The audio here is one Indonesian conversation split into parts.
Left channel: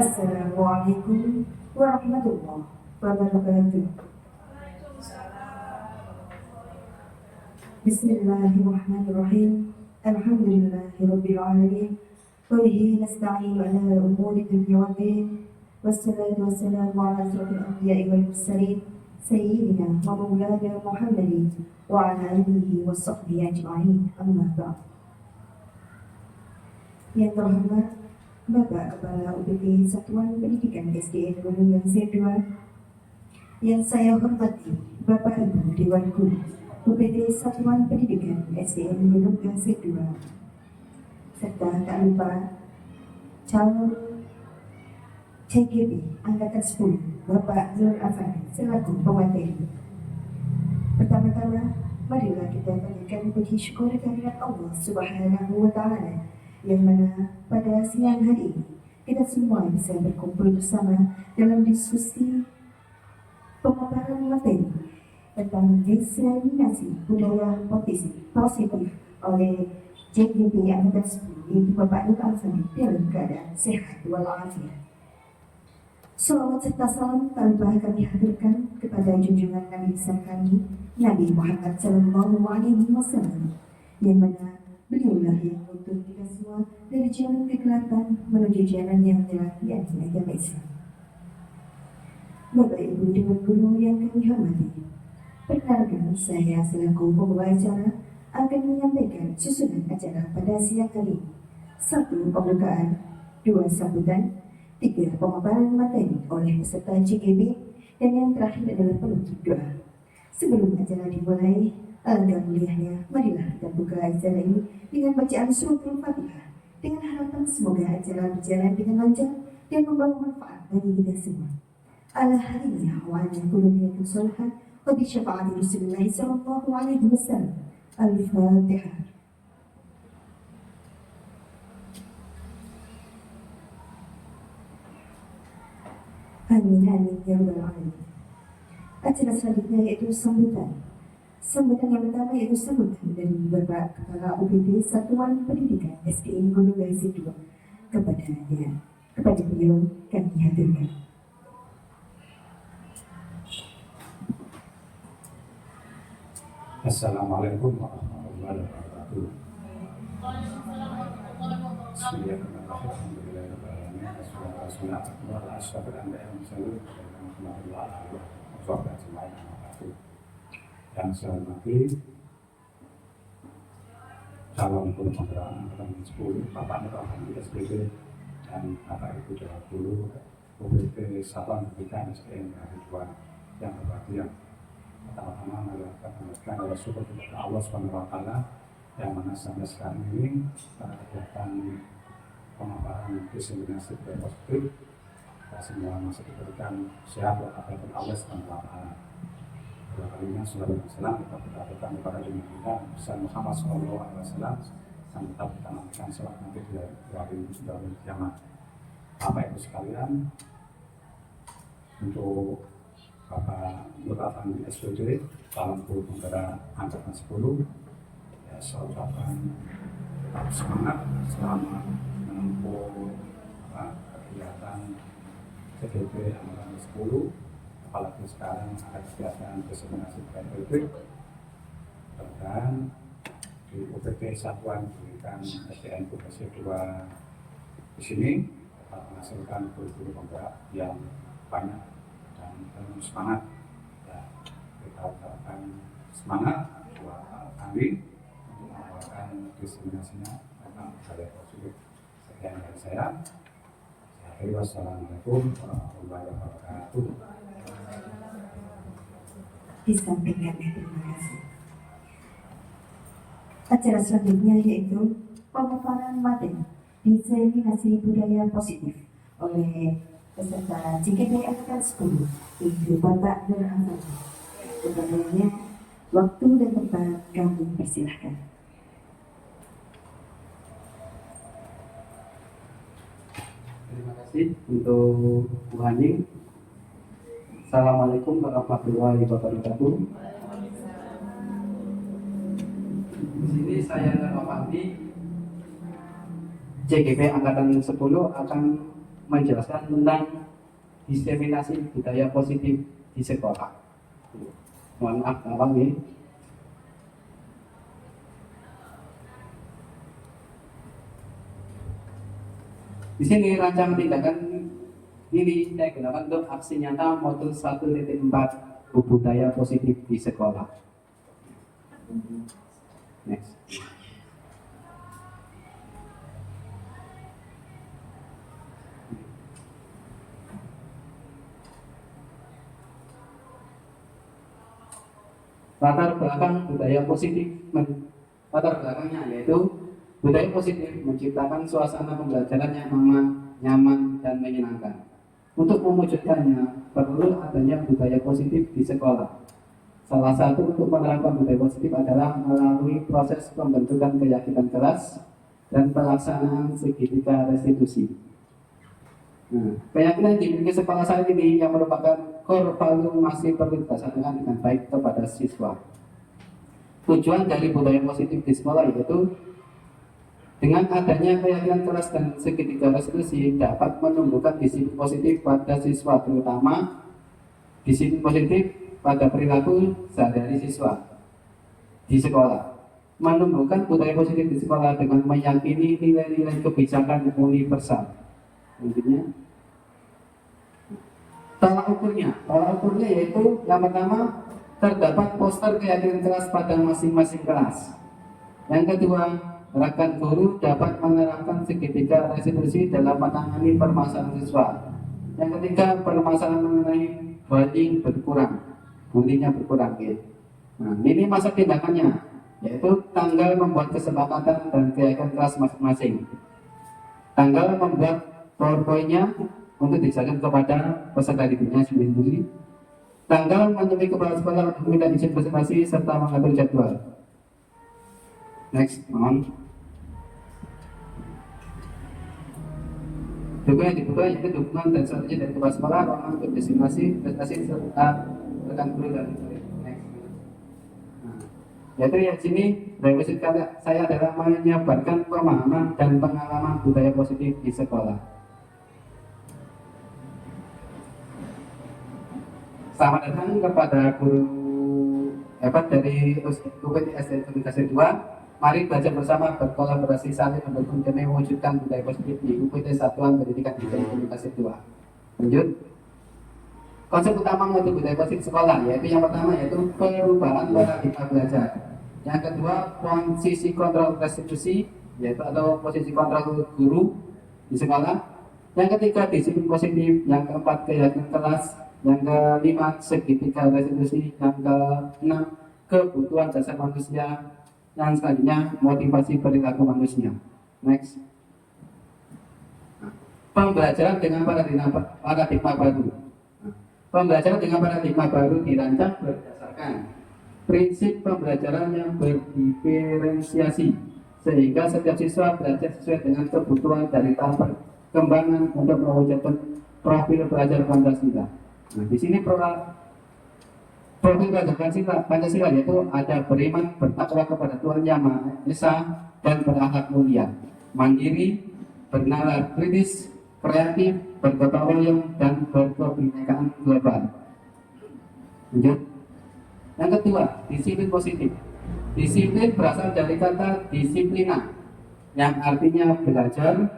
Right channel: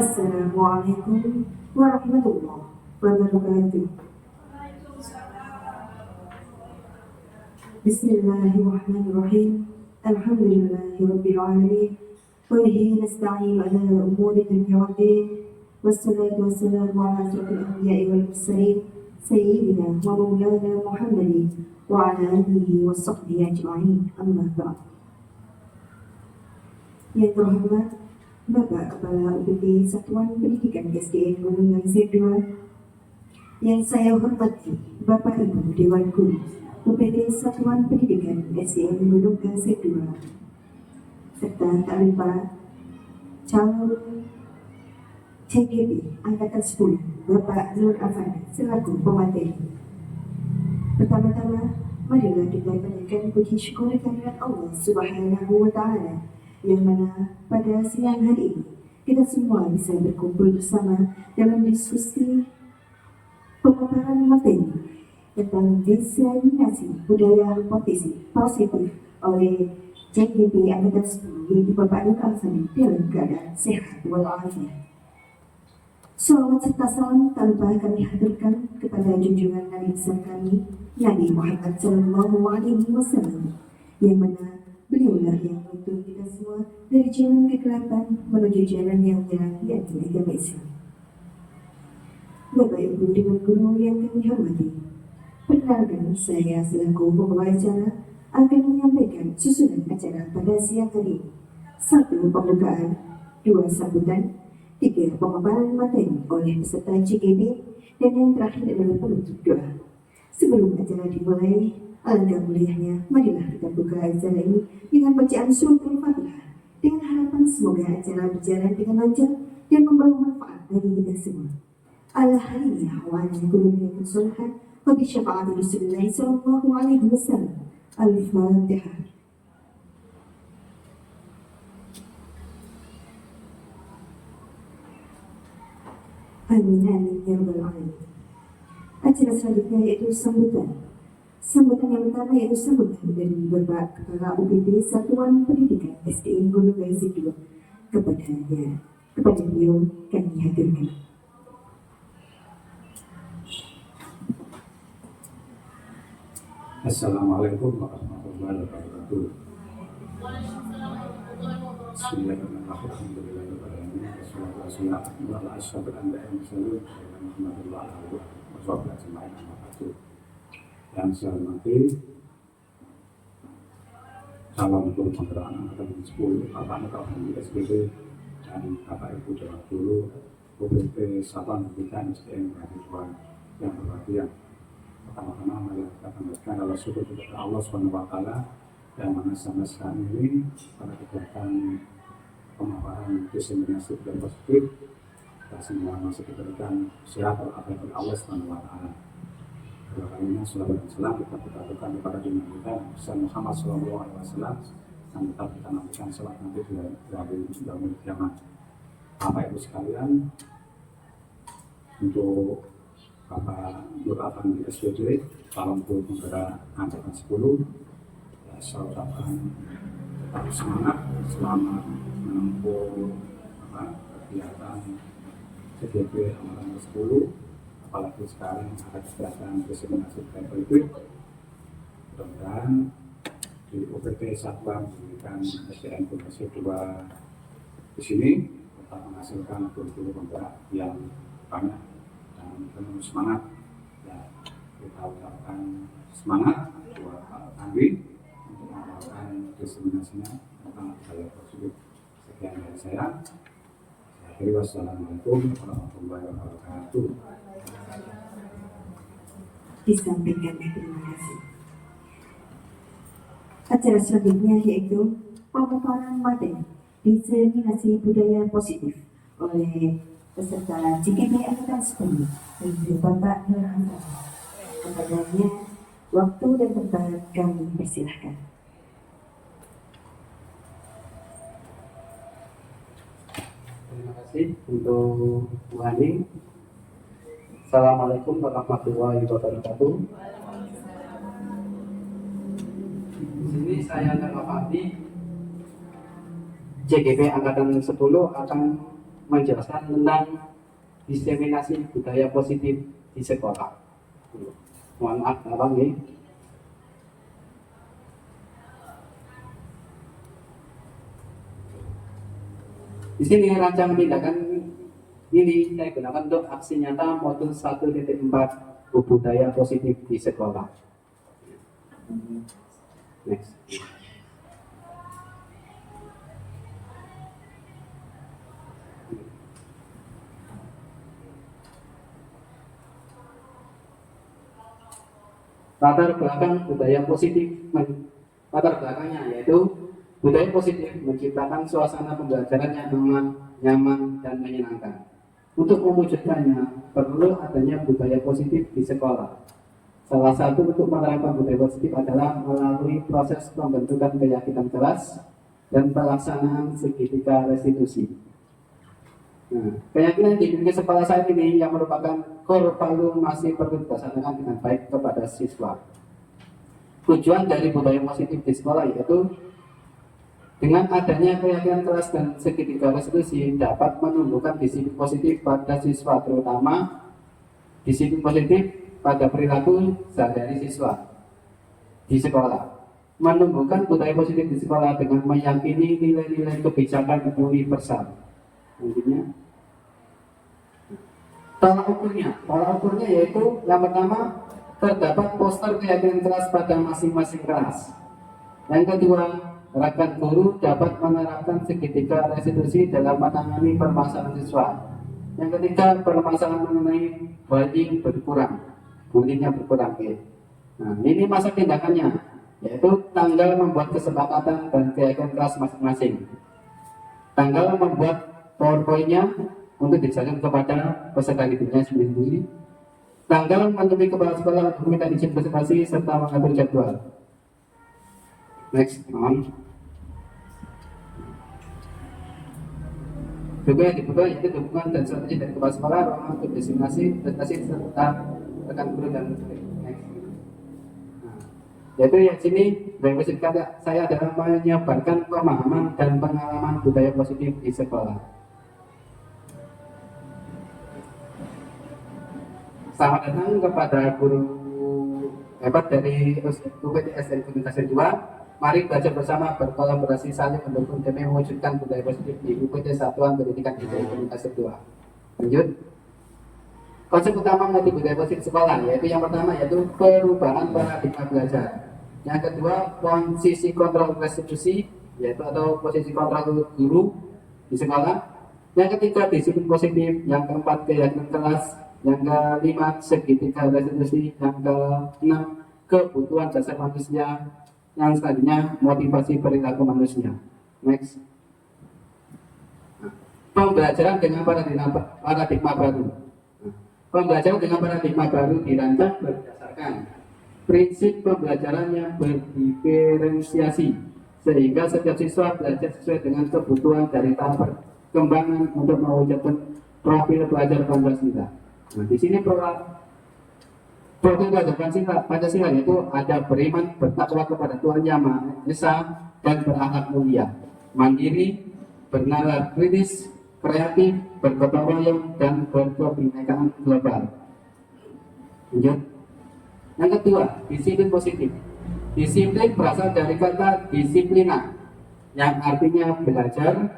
Assalamualaikum warahmatullahi wabarakatuh. Bismillahirrahmanirrahim. Alhamdulillahirabbil alamin. Wa bihi nasta'inu ala umuri dunya waddin. Wassalatu wassalamu ala asyrafil anbiya'i wal mursalin sayyidina wa maulana Muhammadin wa ala alihi wa sahbihi ajma'in. Amma ba'd. Yang terhormat Bapak Kepala UPT Satuan Pendidikan SDN Gunung Z2, yang saya hormati Bapak Ibu Dewan Guru UPT Satuan Pendidikan SDN Gunung Z2, serta tak lupa calon CGP Angkatan 10 Bapak Nur Afandi selaku pemateri. Pertama-tama, marilah kita panjatkan puji syukur kehadirat Allah Subhanahu wa Ta'ala, yang mana pada siang hari ini kita semua bisa berkumpul bersama dalam diskusi pemaparan materi tentang diseminasi budaya positif oleh JGP Angkatan 10 yaitu Bapak Nur Afandi dalam keadaan sehat walafiat. Salawat serta salam tanpa kami haturkan kepada junjungan Nabi besar kami Nabi Muhammad SAW, yang mana beliaulah yang menuntun kita semua dari jalan kegelapan menuju jalan yang terang, yakni agama Islam. Bapak Ibu Dewan Guru yang kami hormati, perkenalkan, saya selaku pembawa acara akan menyampaikan susunan acara pada siang hari ini. 1. Pembukaan, 2. Sambutan, 3. Pemaparan materi oleh peserta CGB, dan yang terakhir adalah penutup doa. Sebelum acara dimulai, alangkah mulianya, marilah kita buka acara ini dengan bacaan surat Al-Fatihah, dengan harapan semoga acara berjalan dengan lancar dan membawa manfaat bagi kita semua. Ala hariyah wa ala kulubiyatun sholihah wa bi syafa'ati Rasulullah sallallahu alaihi wasallam. Al-Fatihah. Amin amin ya rabbal alamin. Acara selanjutnya yaitu sambutan. Sambutan yang pertama yaitu sambutan dari Bapak Kepala UPT Satuan Pendidikan SDN Gunung Z2. Kepada beliau kami hadirkan. Assalamualaikum warahmatullahi wabarakatuh. Bismillahirrahmanirrahim. Wassalamualaikum warahmatullahi wabarakatuh. Yang saya hormati calon guru penggerak Angkatan 10 Bapak Nur Afandi SPB dan Bapak Ibu Dewan Guru UPT Satuan Pendidikan SDN Gunung yang berbahagia. Pertama-tama mari kita panjatkan rasa syukur kepada Allah SWT yang mana sampai sekarang ini pada kegiatan pemaparan diseminasi budaya positif kita semua masih diberikan sehat walafiat oleh Allah SWT. Dua kalinya salawat dan salam kita berkatakan kepada Nabi kita Muhammad SAW dan tetap kita nantikan salat nanti di hari kiamat. Bapak Ibu sekalian, untuk Bapak Nur Afandi SPB calon guru penggerak Angkatan 10, ya saya ucapkan harus semangat selama menempuh kegiatan CGP Angkatan 10, apalagi sekarang ada kegiatan diseminasi budaya politik. Dan di UPT Satuan Pendidikan SDN Gunung Z2 di sini kita menghasilkan guru-guru penggerak yang banyak dan penuh semangat. Ya, kita ucapkan semangat buat kami untuk melakukan diseminasinya tentang budaya positif. Sekian dari saya. Wassalamualaikum warahmatullahi wabarakatuh. Disampaikan, terima kasih. Acara selanjutnya yaitu pemaparan materi diseminasi budaya positif oleh peserta JGP Angkatan 10 yaitu Bapak Nur Afandi. Kepadanya waktu dan tempat kami persilahkan. Terima kasih untuk Bu Haning. Assalamualaikum warahmatullahi wabarakatuh. Di sini saya Nur Afandi, JGP Angkatan 10 akan menjelaskan tentang diseminasi budaya positif di sekolah. Mohon maaf, abang nih. Di sini rancangan tindakan ini saya gunakan untuk aksi nyata modul 1.4 budaya positif di sekolah. Next. Latar belakang budaya positif, latar belakangnya yaitu budaya positif menciptakan suasana pembelajaran yang nyaman dan menyenangkan. Untuk mewujudkannya perlu adanya budaya positif di sekolah. Salah satu untuk menerapkan budaya positif adalah melalui proses pembentukan keyakinan kelas dan pelaksanaan segitiga restitusi. Nah, keyakinan yang dimiliki sekolah saya ini yang merupakan core value masih perlu dilaksanakan dengan baik kepada siswa. Tujuan dari budaya positif di sekolah yaitu dengan adanya keyakinan kelas dan segitiga restitusi dapat menumbuhkan disiplin positif pada siswa, terutama disiplin positif pada perilaku sehari-hari siswa di sekolah. Menumbuhkan budaya positif di sekolah dengan meyakini nilai-nilai kebijakan universal. Intinya tolak ukurnya yaitu yang pertama terdapat poster keyakinan kelas pada masing-masing kelas. Yang kedua, rekan guru dapat menerapkan segitiga restitusi dalam menangani permasalahan siswa. Yang ketiga, permasalahan mengenai bullying bulinya berkurang. Nah, ini masa tindakannya yaitu tanggal membuat kesepakatan dan keyakinan kelas masing-masing. Tanggal membuat PowerPoint-nya untuk disajikan kepada peserta didiknya sendiri. Tanggal menemui kepala sekolah untuk meminta izin presentasi serta mengatur jadwal. Next, mohon. Juga yang dibutuhkan yaitu dukungan dan strategi dari kepala sekolah, ruangan untuk disimulasi, prestasi serta rekan guru dan murid. Next. Yaitu yang sini revolusi kata saya adalah menyebarkan pemahaman dan pengalaman budaya positif di sekolah. Selamat datang kepada guru hebat dari UPTS dari Komunikasi 2. Mari belajar bersama, berkolaborasi saling mendukung demi mewujudkan budaya positif di UPT Satuan Pendidikan Budaya Komunikasi 2. Lanjut. Konsep utama mengenai budaya positif sekolah yaitu yang pertama yaitu perubahan paradigma belajar. Yang kedua, posisi kontrol restitusi yaitu atau posisi kontrol guru di sekolah. Yang ketiga, disiplin positif. Yang keempat, keyakinan kelas. Yang kelima, segitiga restitusi. Yang keenam, kebutuhan dasar manusia. Yang selanjutnya, motivasi perilaku manusia. Next. Pembelajaran dengan paradigma baru. Pembelajaran dengan paradigma baru dirancang berdasarkan prinsip pembelajaran yang berdiferensiasi sehingga setiap siswa belajar sesuai dengan kebutuhan dari tahap perkembangan untuk mewujudkan profil belajar Pancasila. Nah, di sini profil belajar Pancasila yaitu ada beriman, bertakwa kepada Tuhan Yang Maha Esa dan berakhlak mulia, mandiri, bernalar kritis, kreatif, bergotong royong dan berkebinekaan global. Lanjut. Yang kedua, disiplin positif. Disiplin berasal dari kata disiplina yang artinya belajar.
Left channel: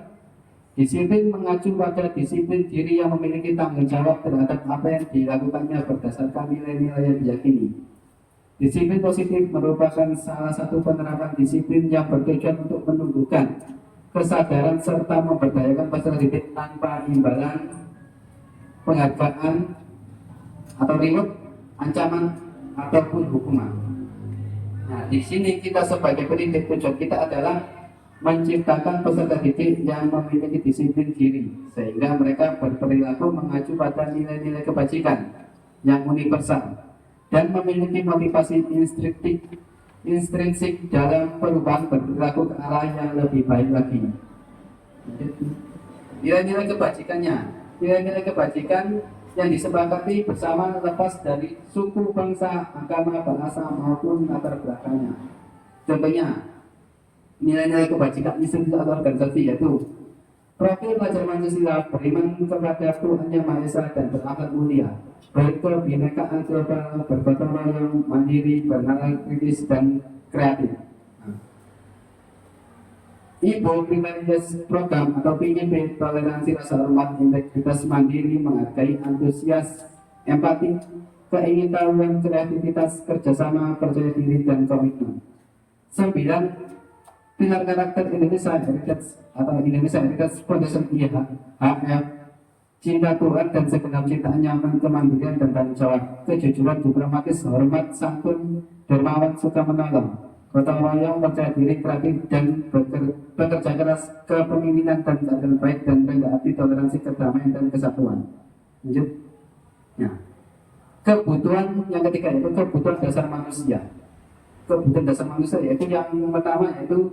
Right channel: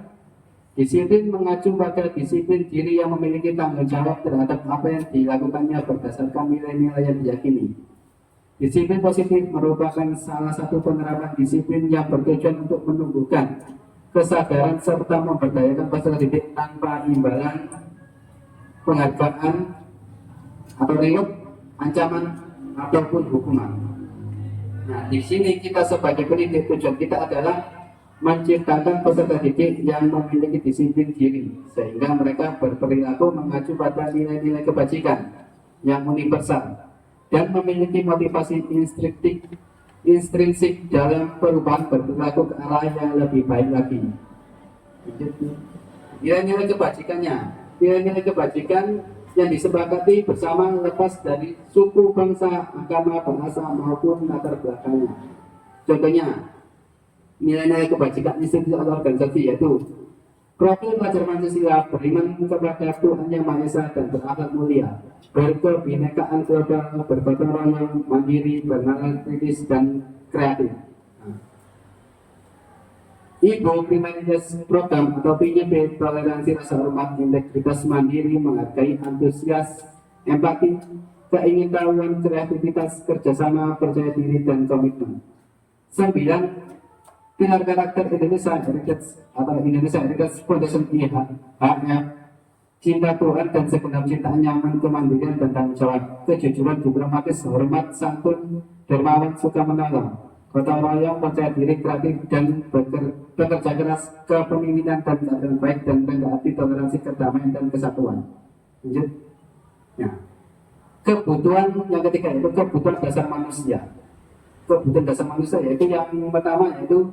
Disiplin mengacu pada disiplin diri yang memiliki tanggung jawab terhadap apa yang dilakukannya berdasarkan nilai-nilai yang diyakini. Disiplin positif merupakan salah satu penerapan disiplin yang bertujuan untuk menumbuhkan kesadaran serta memberdayakan peserta didik tanpa imbalan, penghargaan atau reward, ancaman ataupun hukuman. Nah, di sini kita sebagai pendidik tujuan kita adalah menciptakan peserta didik yang memiliki disiplin diri sehingga mereka berperilaku mengacu pada nilai-nilai kebajikan yang universal dan memiliki motivasi intrinsik dalam perubahan berperilaku ke arah yang lebih baik lagi. Nilai-nilai kebajikan yang disepakati bersama lepas dari suku, bangsa, agama, bahasa maupun latar belakangnya. Contohnya, nilai-nilai kebajikan institusi atau organisasi yaitu Profil pelajar Pancasila beriman kepada Tuhan Yang Maha Esa dan berakhlak mulia, berkebinekaan global, bergotong royong, mandiri, bernalar kritis dan kreatif. Ibu Prioritas Program atau PIP toleransi rasa hormat, integritas, mandiri, menghargai, antusias, empati, keingintahuan, kreativitas, kerjasama, percaya diri, dan komitmen. 9. Pilar karakter Indonesia Heritage atau Indonesia Heritage Foundation IHF, cinta Tuhan dan segenap cinta, nyaman, kemandirian dan tanggung jawab, kejujuran, diplomatis, hormat, santun, dermawan, suka menolong, gotong royong, percaya diri, kreatif, dan bekerja keras, kepemimpinan dan keadaan baik, dan rendah hati, toleransi, kedamaian, dan kesatuan. Lanjut. Ya. Kebutuhan yang ketiga yaitu kebutuhan dasar manusia. Kebutuhan dasar manusia yaitu yang pertama yaitu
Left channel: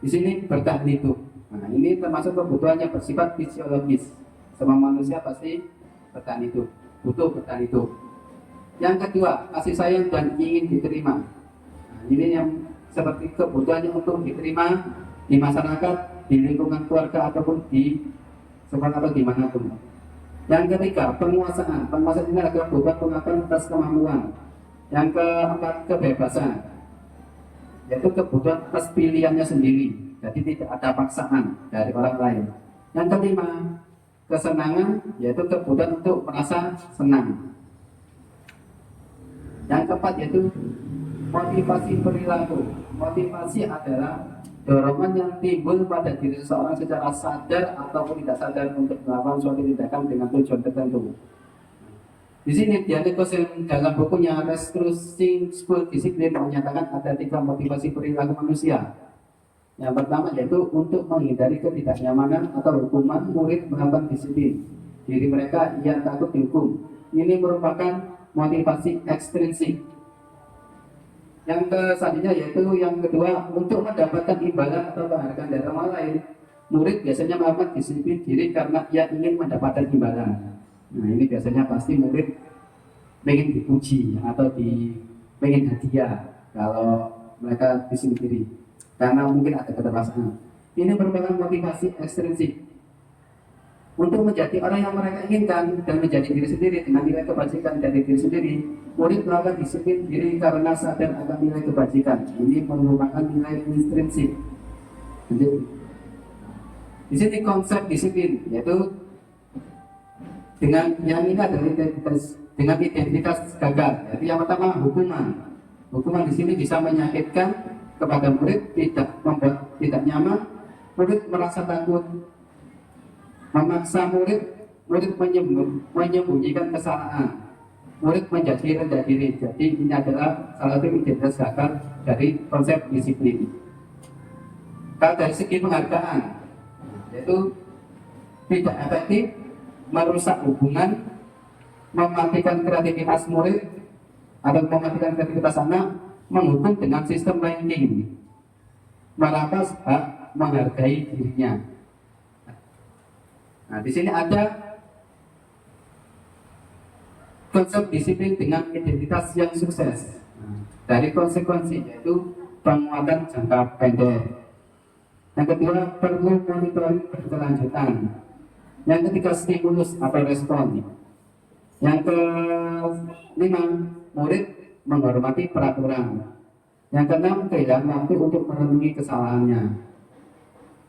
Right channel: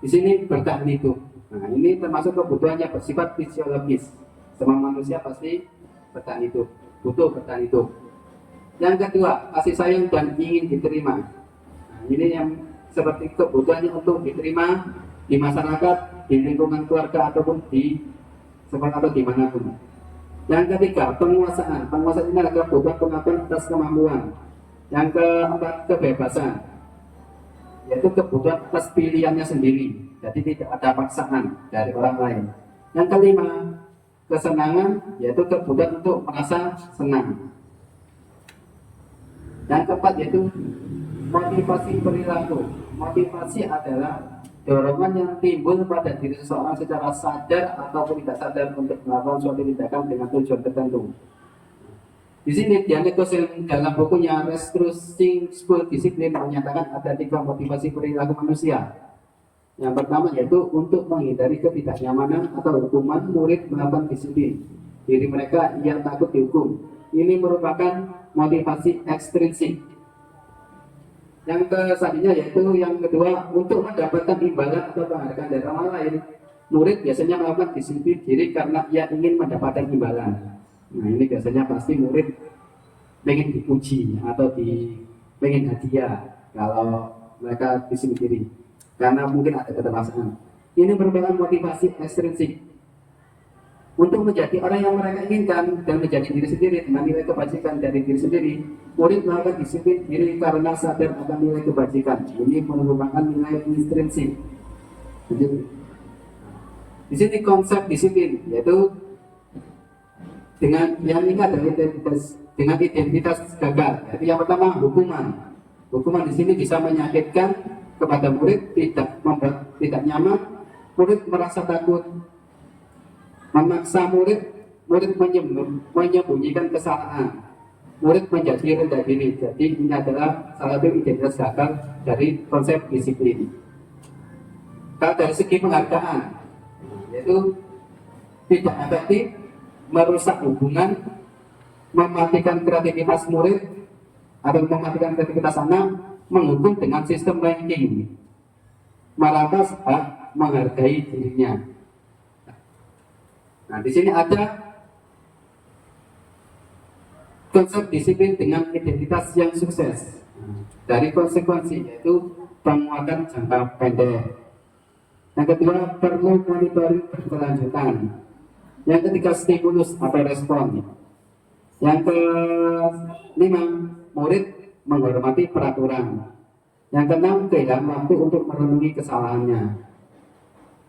di sini bertahan hidup. Nah, ini termasuk kebutuhannya bersifat fisiologis. Semua manusia pasti bertahan hidup, butuh bertahan hidup. Yang kedua, kasih sayang dan ingin diterima. Nah, ini yang seperti kebutuhannya untuk diterima di masyarakat, di lingkungan keluarga ataupun di sekolah atau dimanapun. Yang ketiga, penguasaan. Penguasaan ini adalah kebutuhan pengakuan atas kemampuan. Yang keempat, kebebasan, yaitu kebutuhan atas pilihannya sendiri, jadi tidak ada paksaan dari orang lain. Yang kelima, kesenangan, yaitu kebutuhan untuk merasa senang. Yang keempat yaitu motivasi perilaku. Motivasi adalah dorongan yang timbul pada diri seseorang secara sadar ataupun tidak sadar untuk melakukan suatu tindakan dengan tujuan tertentu. Di sini Diane Kosen dalam bukunya Restructuring School Discipline menyatakan ada 3 motivasi perilaku manusia. Yang pertama yaitu untuk menghindari ketidaknyamanan atau hukuman murid melakukan disiplin diri mereka yang takut dihukum. Ini merupakan motivasi ekstrinsik. Yang selanjutnya yaitu yang kedua, untuk mendapatkan imbalan atau penghargaan dari orang lain. Murid biasanya melakukan disiplin diri karena ia ingin mendapatkan imbalan. Nah, ini biasanya pasti murid pengen dipuji atau pengen hadiah kalau mereka disiplin diri karena mungkin ada keterpaksaan. Ini merupakan motivasi ekstrinsik. Untuk menjadi orang yang mereka inginkan dan menjadi diri sendiri dengan nilai kebajikan dari diri sendiri, murid melakukan disiplin diri karena sadar akan nilai kebajikan. Ini merupakan nilai intrinsik. Jadi, di sini konsep disiplin yaitu dengan yang ini adalah identitas gagal. Jadi yang pertama hukuman. Hukuman di sini bisa menyakitkan kepada murid, tidak membuat tidak nyaman, murid merasa takut, memaksa murid menyembunyikan kesalahan, murid menjadi rendah diri. Jadi ini adalah salah satu identitas gagal dari konsep disiplin. Kalau dari segi penghargaan, yaitu tidak efektif, merusak hubungan, mematikan kreativitas murid atau mematikan kreativitas anak, menghukum dengan sistem ranking, merampas hak menghargai dirinya. Nah, di sini ada konsep disiplin dengan identitas yang sukses. Dari konsekuensi yaitu penguatan jangka pendek. Yang kedua, perlu monitoring berkelanjutan. Yang ketiga, stimulus atau respon. Yang kelima, murid menghormati peraturan. Yang keenam, kehilangan waktu untuk merenungi kesalahannya.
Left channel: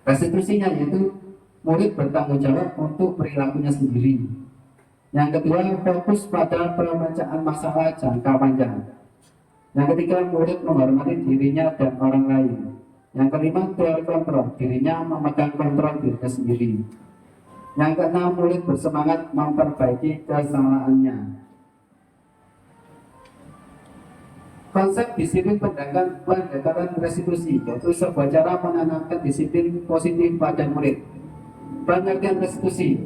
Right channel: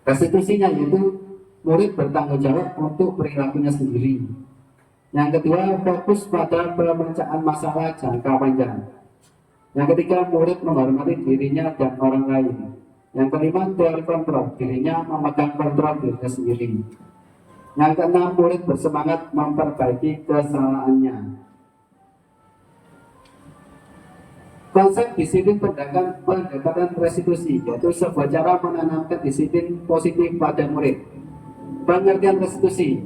Restitusinya yaitu murid bertanggung jawab untuk perilakunya sendiri. Yang kedua, fokus pada pemecahan masalah jangka panjang. Yang ketiga, murid menghormati dirinya dan orang lain. Yang kelima, teori kontrol, dirinya memegang kontrol dirinya sendiri. Yang keenam, murid bersemangat memperbaiki kesalahannya. Konsep disiplin pendekatan restitusi yaitu sebuah cara menanamkan disiplin positif pada murid. Pengertian restitusi.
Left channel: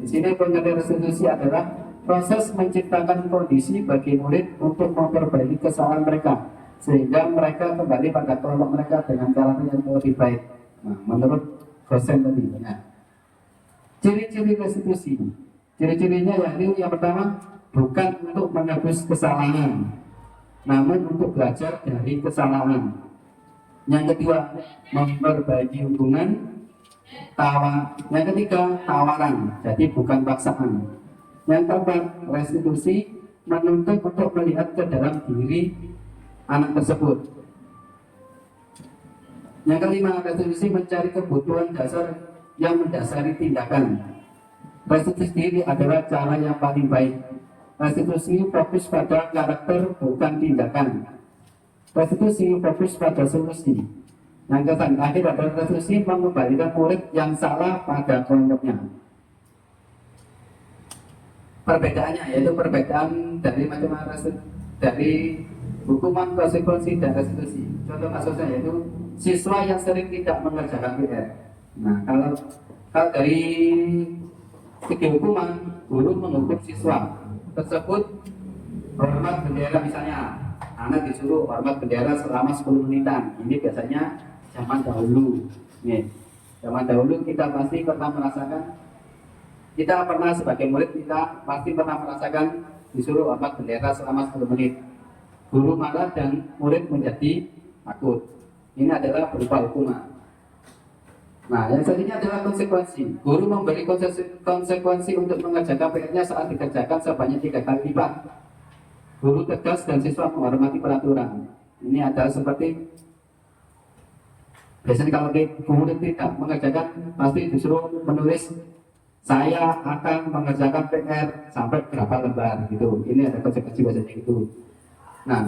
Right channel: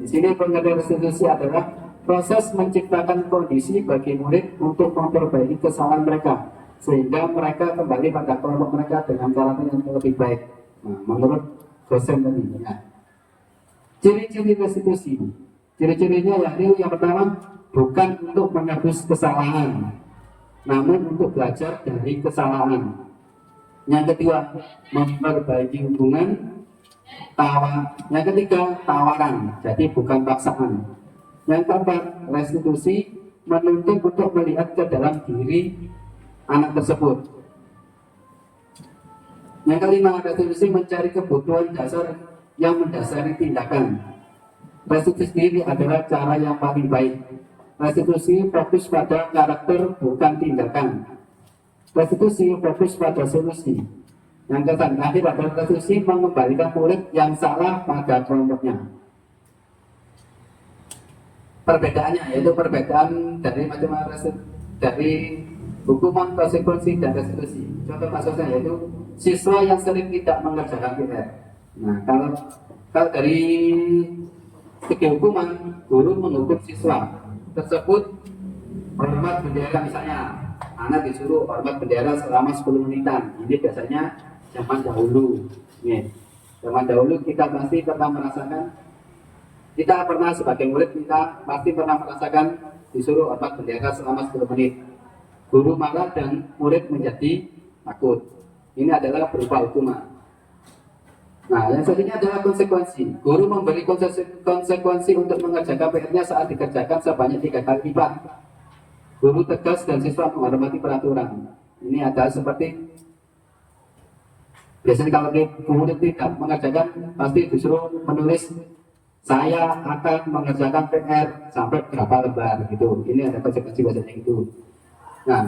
Di sini pengertian restitusi adalah proses menciptakan kondisi bagi murid untuk memperbaiki kesalahan mereka sehingga mereka kembali pada kelompok mereka dengan karakter yang lebih baik. Nah, menurut dosen tadi. Ya. Ciri-ciri restitusi. Ciri-cirinya yaitu yang pertama, bukan untuk menebus kesalahan, namun untuk belajar dari kesalahan. Yang kedua, memperbaiki hubungan. Yang ketiga, tawaran, jadi bukan paksaan. Yang keempat, restitusi, menuntut untuk melihat ke dalam diri anak tersebut. Yang kelima, restitusi mencari kebutuhan dasar yang mendasari tindakan. Restitusi sendiri adalah cara yang paling baik. Restitusi fokus pada karakter bukan tindakan. Restitusi fokus pada solusi. Yang terakhir adalah restitusi mengembalikan murid yang salah pada kelompoknya. Perbedaannya yaitu perbedaan dari macam dari hukuman, konsekuensi, dan restitusi. Contoh kasusnya yaitu siswa yang sering tidak mengerjakan PR. Nah, kalau dari segi hukuman, guru menghukum siswa tersebut hormat bendera, misalnya anak disuruh hormat bendera selama 10 menitan. Ini biasanya zaman dahulu. Nih, zaman dahulu kita pasti pernah merasakan, kita pernah sebagai murid kita pasti pernah merasakan disuruh hormat bendera selama 10 menit. Guru marah dan murid menjadi takut. Ini adalah berupa hukuman. Nah, yang selanjutnya adalah konsekuensi. Guru memberi konsekuensi untuk mengerjakan PR-nya saat dikerjakan sebanyak 3 kali lipat. Guru tegas dan siswa menghormati peraturan. Ini adalah seperti biasanya kalau guru tidak mengerjakan pasti disuruh menulis saya akan mengerjakan PR sampai berapa lembar gitu. Ini ada konsekuensi biasanya gitu. Nah,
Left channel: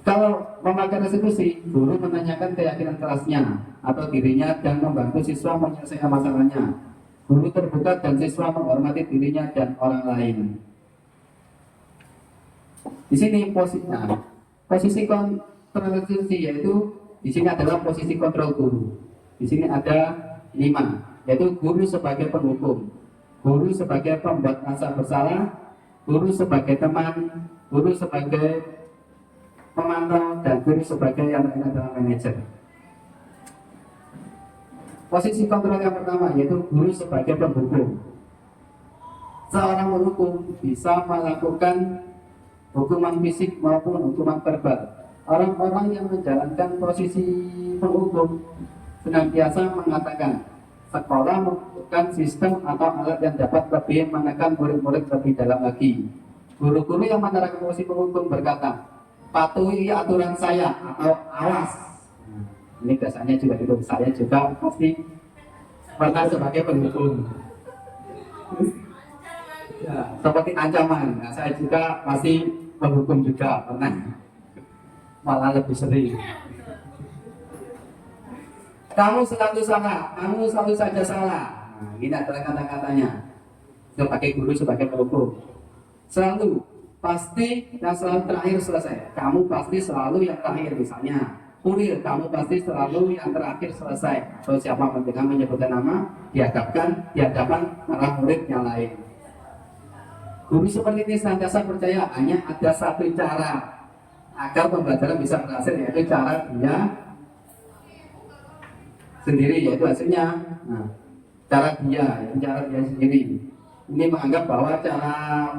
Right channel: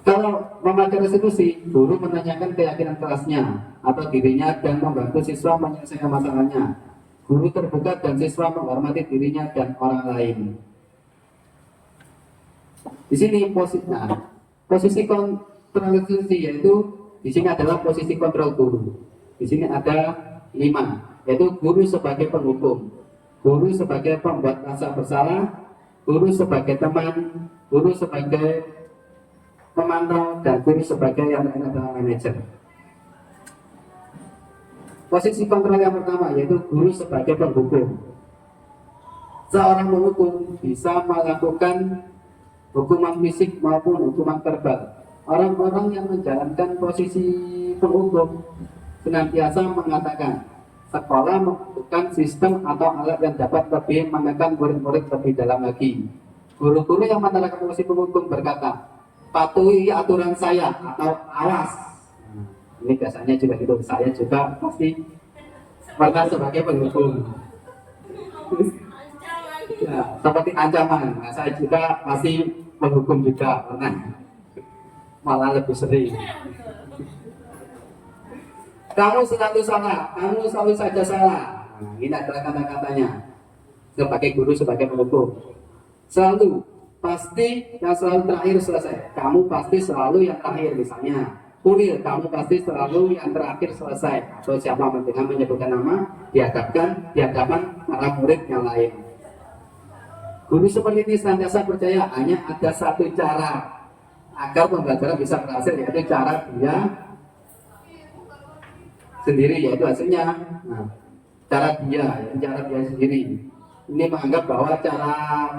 kalau memakai restitusi, guru menanyakan keyakinan kelasnya atau dirinya dan membantu siswa menyelesaikan masalahnya. Guru terbuka dan siswa menghormati dirinya dan orang lain. Di sini posisi kontrol restitusi yaitu di sini adalah posisi kontrol guru. Di sini ada 5, yaitu guru sebagai penghukum, guru sebagai pembuat rasa bersalah, guru sebagai teman, guru sebagai pemantau, dan guru sebagai yang lain adalah manajer. Posisi kontrol yang pertama yaitu guru sebagai penghukum. Seorang penghukum bisa melakukan hukuman fisik maupun hukuman verbal. Orang-orang yang menjalankan posisi penghukum senantiasa mengatakan sekolah membutuhkan sistem atau alat yang dapat lebih menekan murid-murid lebih dalam lagi. Guru-guru yang menerapkan posisi penghukum berkata, patuhi aturan saya atau awas. Ini biasanya juga gitu. Saya juga pasti pernah sebagai penghukum. Ya, seperti ancaman. Nah, saya juga pasti menghukum juga pernah. Malah lebih sering. Kamu selalu salah, kamu selalu saja salah. Nah, ini adalah kata-katanya. Sebagai guru, sebagai penghukum. Selalu, pasti yang selalu terakhir selesai. Kamu pasti selalu yang terakhir misalnya. Kurir, kamu pasti selalu yang terakhir selesai. Atau siapa dengan menyebutkan nama, dihadapkan di hadapan para murid yang lain. Guru seperti ini senantiasa percaya hanya ada satu cara agar pembelajaran bisa berhasil, yaitu cara dia sendiri, yaitu hasilnya. Nah, cara dia sendiri. Ini menganggap bahwa cara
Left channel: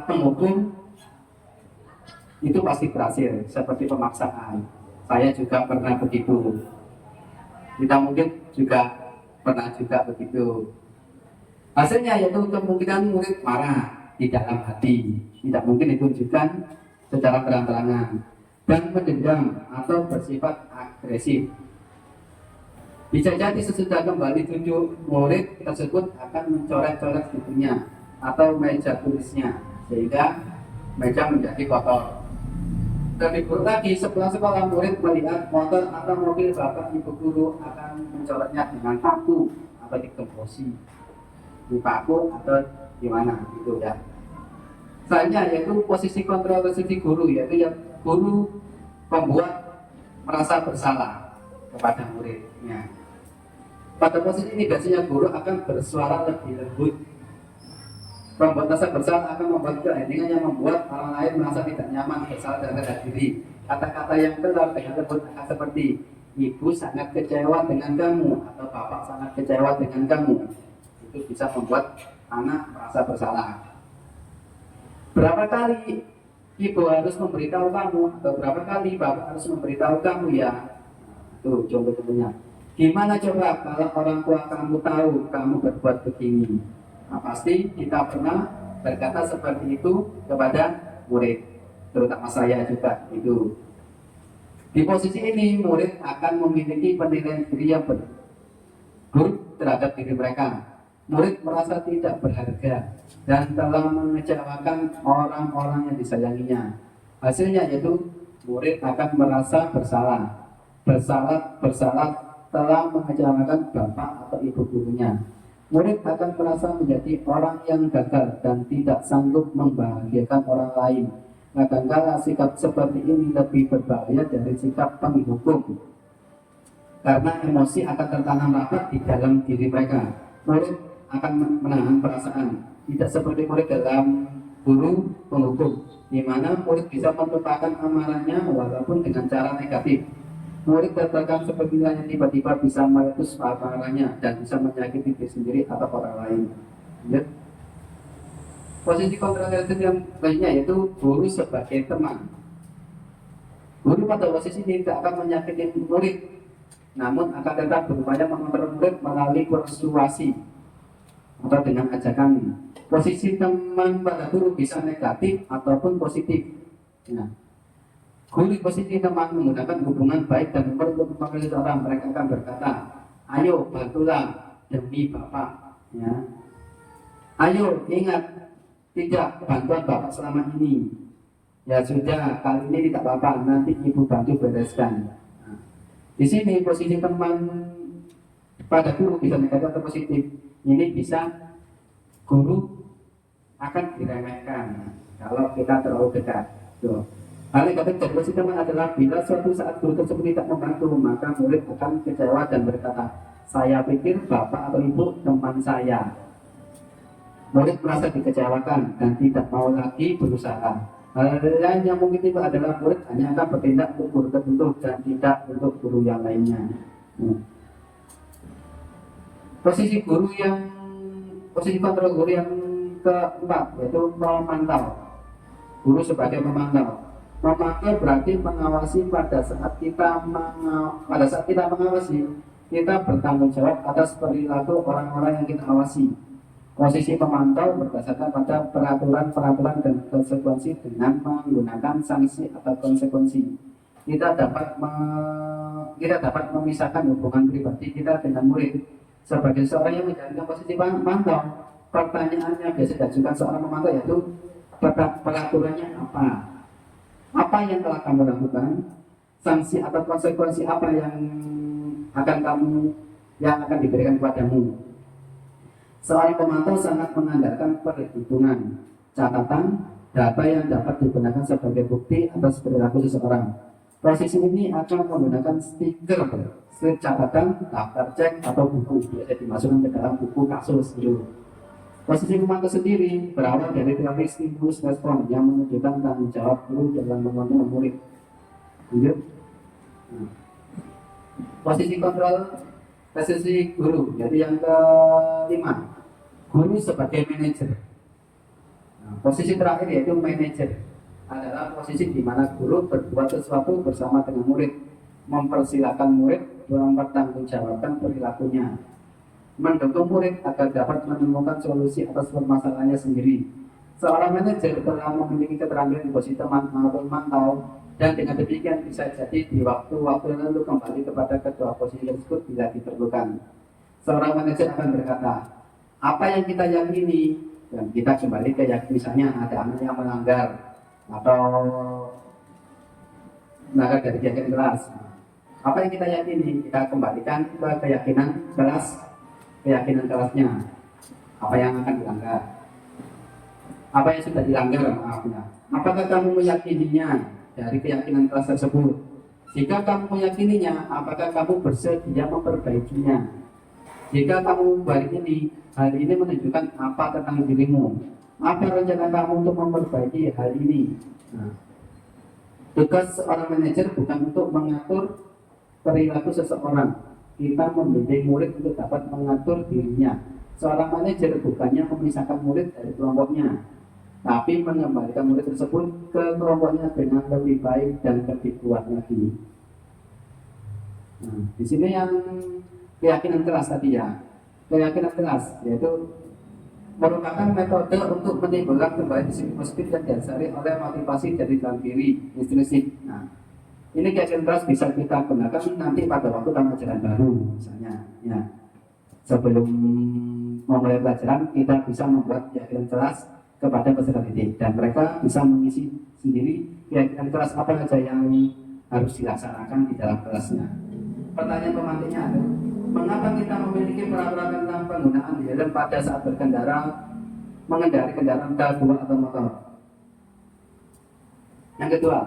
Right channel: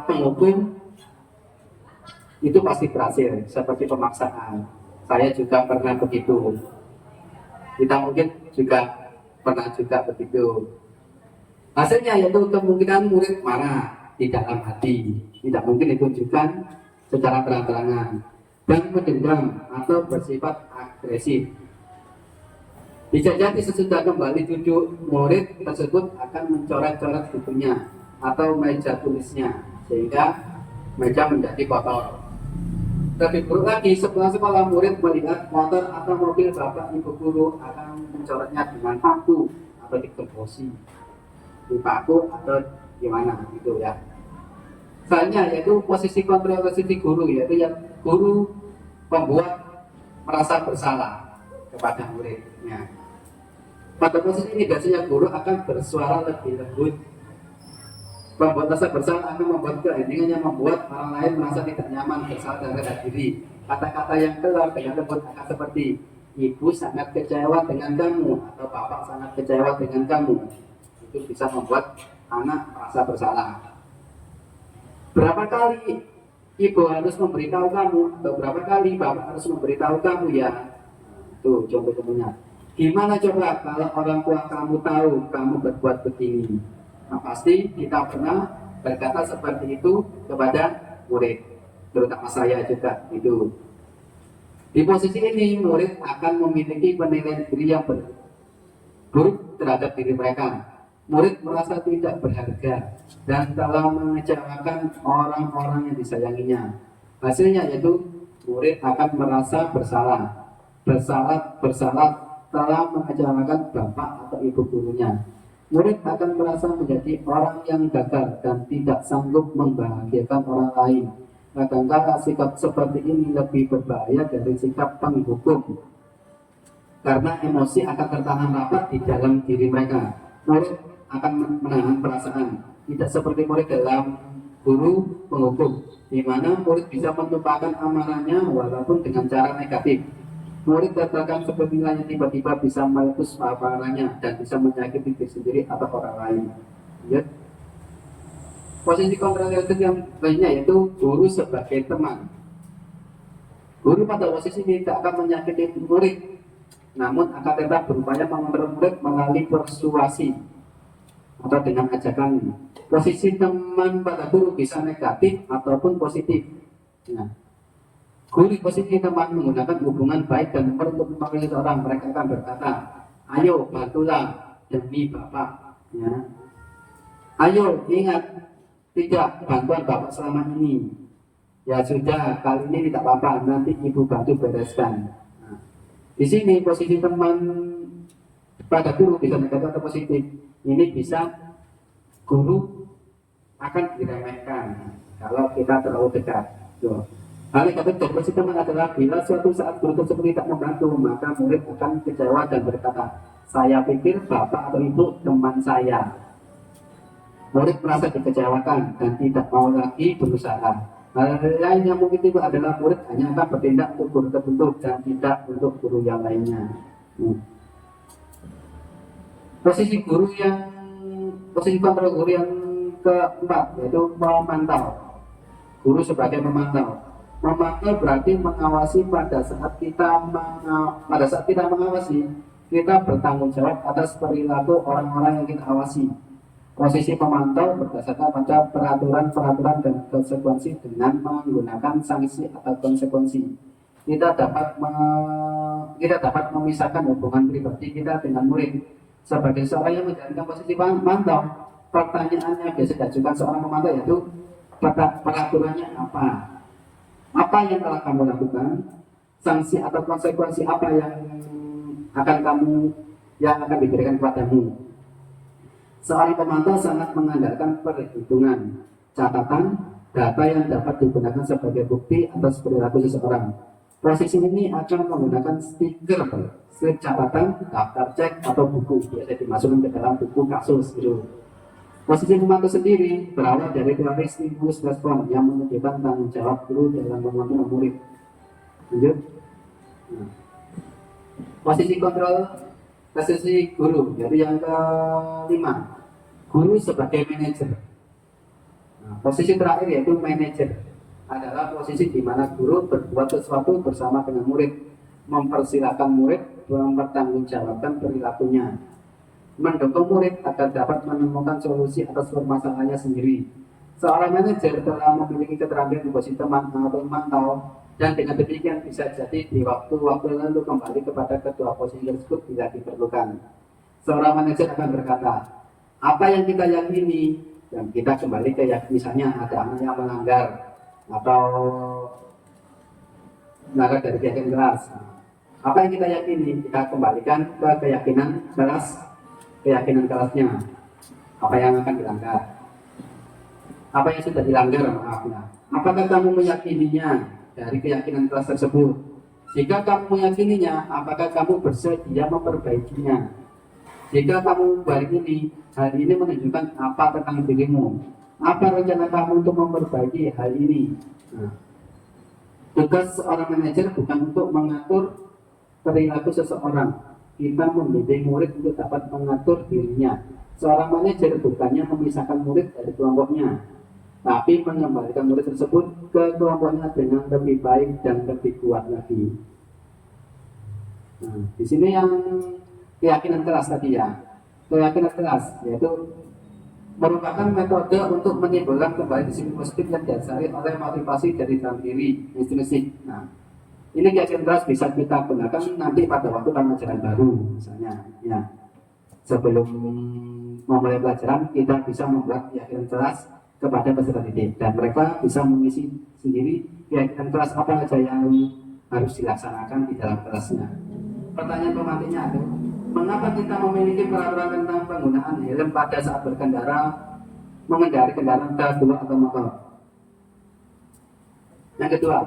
penghukum itu pasti berhasil, seperti pemaksaan. Saya juga pernah begitu. Kita mungkin juga pernah juga begitu. Hasilnya yaitu kemungkinan murid marah di dalam hati, tidak mungkin ditunjukkan secara terang-terangan, dan mendendam atau bersifat agresif. Bisa jadi sesudah kembali duduk, murid tersebut akan mencoret-coret bukunya atau meja tulisnya, sehingga meja menjadi kotor. Lebih buruk lagi, setelah sekolah murid melihat motor atau mobil bapak ibu guru akan mencoretnya dengan paku atau digembosi di paku atau gimana gitu ya. Selanjutnya yaitu posisi kontrol restitusi guru, yaitu yang guru membuat merasa bersalah kepada muridnya. Pada posisi ini biasanya guru akan bersuara lebih lembut. Membuat rasa bersalah akan membuat keheningan yang membuat orang lain merasa tidak nyaman bersalah terhadap diri. Kata-kata yang keluar dengan lembut akan seperti ibu sangat kecewa dengan kamu atau bapak sangat kecewa dengan kamu. Itu bisa membuat anak merasa bersalah. Berapa kali ibu harus memberitahu kamu atau berapa kali bapak harus memberitahu kamu ya? Tuh contoh temennya. Gimana coba kalau orang tua kamu tahu kamu berbuat begini? Nah, pasti kita pernah berkata seperti itu kepada murid, terutama saya juga itu. Di posisi ini murid akan memiliki penilaian diri yang buruk terhadap diri mereka. Murid merasa tidak berharga dan telah mengecewakan orang-orang yang disayanginya. Hasilnya yaitu murid akan merasa bersalah telah mengecewakan bapak atau ibu gurunya. Murid akan merasa menjadi orang yang gagal dan tidak sanggup membahagiakan orang lain. Kadang-kadang sikap seperti ini lebih berbahaya dari sikap penghukum, karena emosi akan tertanam rapat di dalam diri mereka. Murid akan menahan perasaan, tidak seperti murid dalam guru penghukum, di mana murid bisa melupakan amarahnya walaupun dengan cara negatif. Murid tertekan sepertinya tiba-tiba bisa meletus amarahnya dan bisa menyakiti diri sendiri atau orang lain. Ya. Posisi kontradiktif yang lainnya yaitu guru sebagai teman. Guru pada posisi ini tidak akan menyakiti murid, namun akan tetap berupaya mengontrol murid melalui persuasi atau dengan ajakan. Posisi teman pada guru bisa negatif ataupun positif. Nah, guru di posisi teman menggunakan hubungan baik dan untuk memanggil seseorang, mereka akan berkata, ayo bantulah demi bapak. Ya. Ayo ingat, tidak bantuan bapak selama ini. Ya sudah, kali ini tidak apa-apa, nanti ibu bantu bereskan. Nah, di sini posisi teman pada guru bisa negatif atau positif. Ini bisa guru akan diremehkan kalau kita terlalu dekat. Hal negatif dari posisi teman adalah bila suatu saat guru tersebut tidak membantu, maka murid akan kecewa dan berkata, saya pikir bapak atau ibu teman saya. Murid merasa dikecewakan dan tidak mau lagi berusaha. Hal lain yang mungkin tiba adalah murid hanya akan bertindak untuk guru tertentu dan tidak untuk guru yang lainnya. Posisi kontrol guru yang keempat yaitu memantau. Guru sebagai memantau. Memantau berarti mengawasi pada saat kita mengawasi, kita bertanggung jawab atas perilaku orang-orang yang kita awasi. Posisi pemantau berdasarkan pada peraturan dan konsekuensi dengan menggunakan sanksi atau konsekuensi. Kita dapat memisahkan hubungan pribadi kita dengan murid. Sebagai seorang yang menjalankan posisi pemantau, pertanyaannya biasa diajukan seorang pemantau yaitu peraturannya apa? Apa yang telah kamu lakukan? Sanksi atau konsekuensi apa yang akan diberikan kepadamu? Seorang pemantau sangat mengandalkan perhitungan, catatan, data yang dapat digunakan sebagai bukti atas perilaku seseorang. Posisi ini akan menggunakan stiker catatan, daftar cek, atau buku biasa dimasukkan ke dalam buku kasus gitu. Posisi pemantau sendiri berawal dari teori stimulus respon yang menunjukkan tanggung jawab guru dalam mengontrol murid. Lanjut. Posisi guru, jadi yang kelima, guru sebagai manajer. Posisi terakhir yaitu manajer adalah posisi di mana guru berbuat sesuatu bersama dengan murid, mempersilahkan murid mempertanggungjawabkan perilakunya, mendukung murid agar dapat menemukan solusi atas permasalahannya sendiri. Seorang manajer telah memiliki keterampilan di posisi teman atau memantau, dan dengan demikian bisa jadi di waktu-waktu lalu kembali kepada kedua posisi tersebut bila diperlukan. Seorang manajer akan berkata, apa yang kita yakini, dan kita kembali ke misalnya ada anak yang melanggar dari keyakinan kelas. Apa yang kita yakini, kita kembalikan ke keyakinan kelasnya. Apa yang akan dilanggar? Apa yang sudah dilanggar, maafnya. Apakah kamu meyakininya dari keyakinan kelas tersebut? Jika kamu meyakininya, apakah kamu bersedia memperbaikinya? Jika kamu balik hal ini menunjukkan apa tentang dirimu? Apa rencana kamu untuk memperbaiki hal ini? Tugas seorang manajer bukan untuk mengatur perilaku seseorang. Kita membimbing murid untuk dapat mengatur dirinya. Seorang manajer bukannya memisahkan murid dari kelompoknya, tapi mengembalikan murid tersebut ke kelompoknya dengan lebih baik dan lebih kuat lagi. Nah, di sini yang keyakinan kelas tadi ya, keyakinan kelas yaitu merupakan metode untuk menimbulkan kembali disiplin positif yang didasari oleh motivasi dari dalam diri intrinsik. Nah, ini keyakinan kelas bisa kita gunakan nanti pada waktu pelajaran baru, misalnya. Ya, sebelum memulai pelajaran kita bisa membuat keyakinan kelas kepada peserta didik dan mereka bisa mengisi sendiri keyakinan kelas apa saja yang harus dilaksanakan di dalam kelasnya. Pertanyaan pemantiknya adalah, mengapa kita memiliki peraturan tentang penggunaan helm pada saat berkendara, mengendari kendaraan roda 2 atau motor? Yang kedua,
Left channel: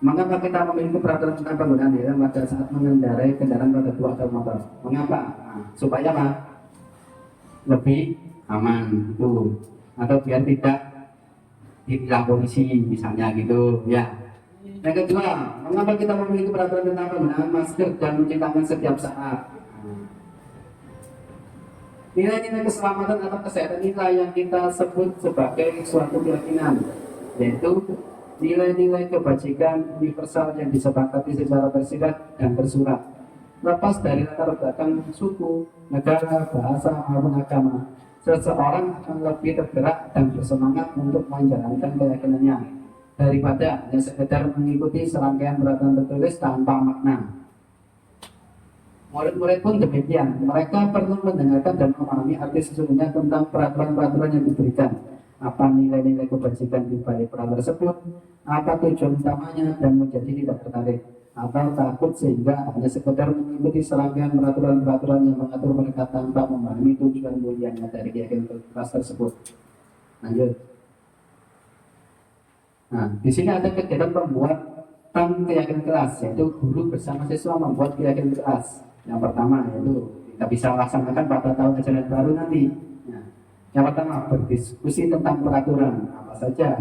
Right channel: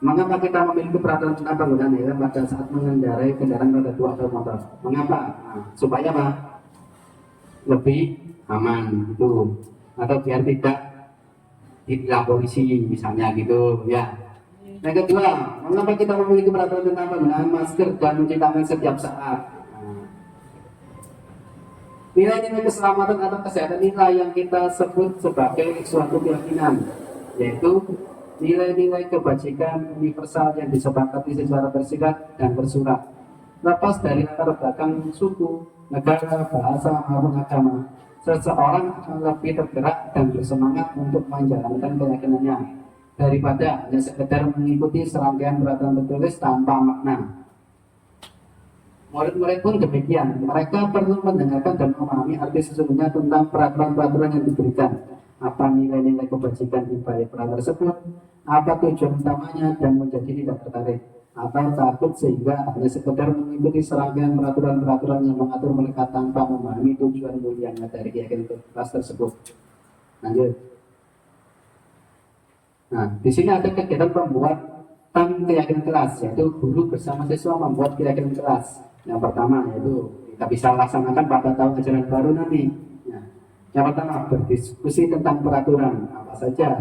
mengapa kita memiliki peraturan tentang penggunaan helm pada saat mengendarai kendaraan roda 2 atau motor? Mengapa? Supaya apa? Lebih aman gitu, atau biar tidak ditilang polisi misalnya gitu ya. Yang kedua, mengapa kita memiliki peraturan tentang penggunaan masker dan mencuci tangan setiap saat? Nilai-nilai keselamatan atau kesehatan inilah yang kita sebut sebagai suatu keyakinan, yaitu nilai-nilai kebajikan universal yang disepakati secara tersirat dan tersurat, lepas dari latar belakang suku, negara, bahasa maupun agama. Seseorang akan lebih tergerak dan bersemangat untuk menjalankan keyakinannya daripada hanya sekedar mengikuti serangkaian peraturan tertulis tanpa makna. Murid-murid pun demikian, mereka perlu mendengarkan dan memahami arti sesungguhnya tentang peraturan-peraturan yang diberikan, apa nilai-nilai kebajikan di balik peraturan tersebut, apa tujuan utamanya, dan menjadi tidak tertarik atau takut sehingga hanya sekedar mengikuti serangkaian peraturan-peraturan yang mengatur mereka tanpa memahami tujuan mulianya dari keyakinan kelas tersebut. Lanjut. Nah, di sini ada kegiatan pembuatan keyakinan kelas, yaitu guru bersama siswa membuat keyakinan kelas. Yang pertama yaitu kita bisa laksanakan pada tahun ajaran baru nanti. Nah, yang pertama berdiskusi tentang peraturan apa saja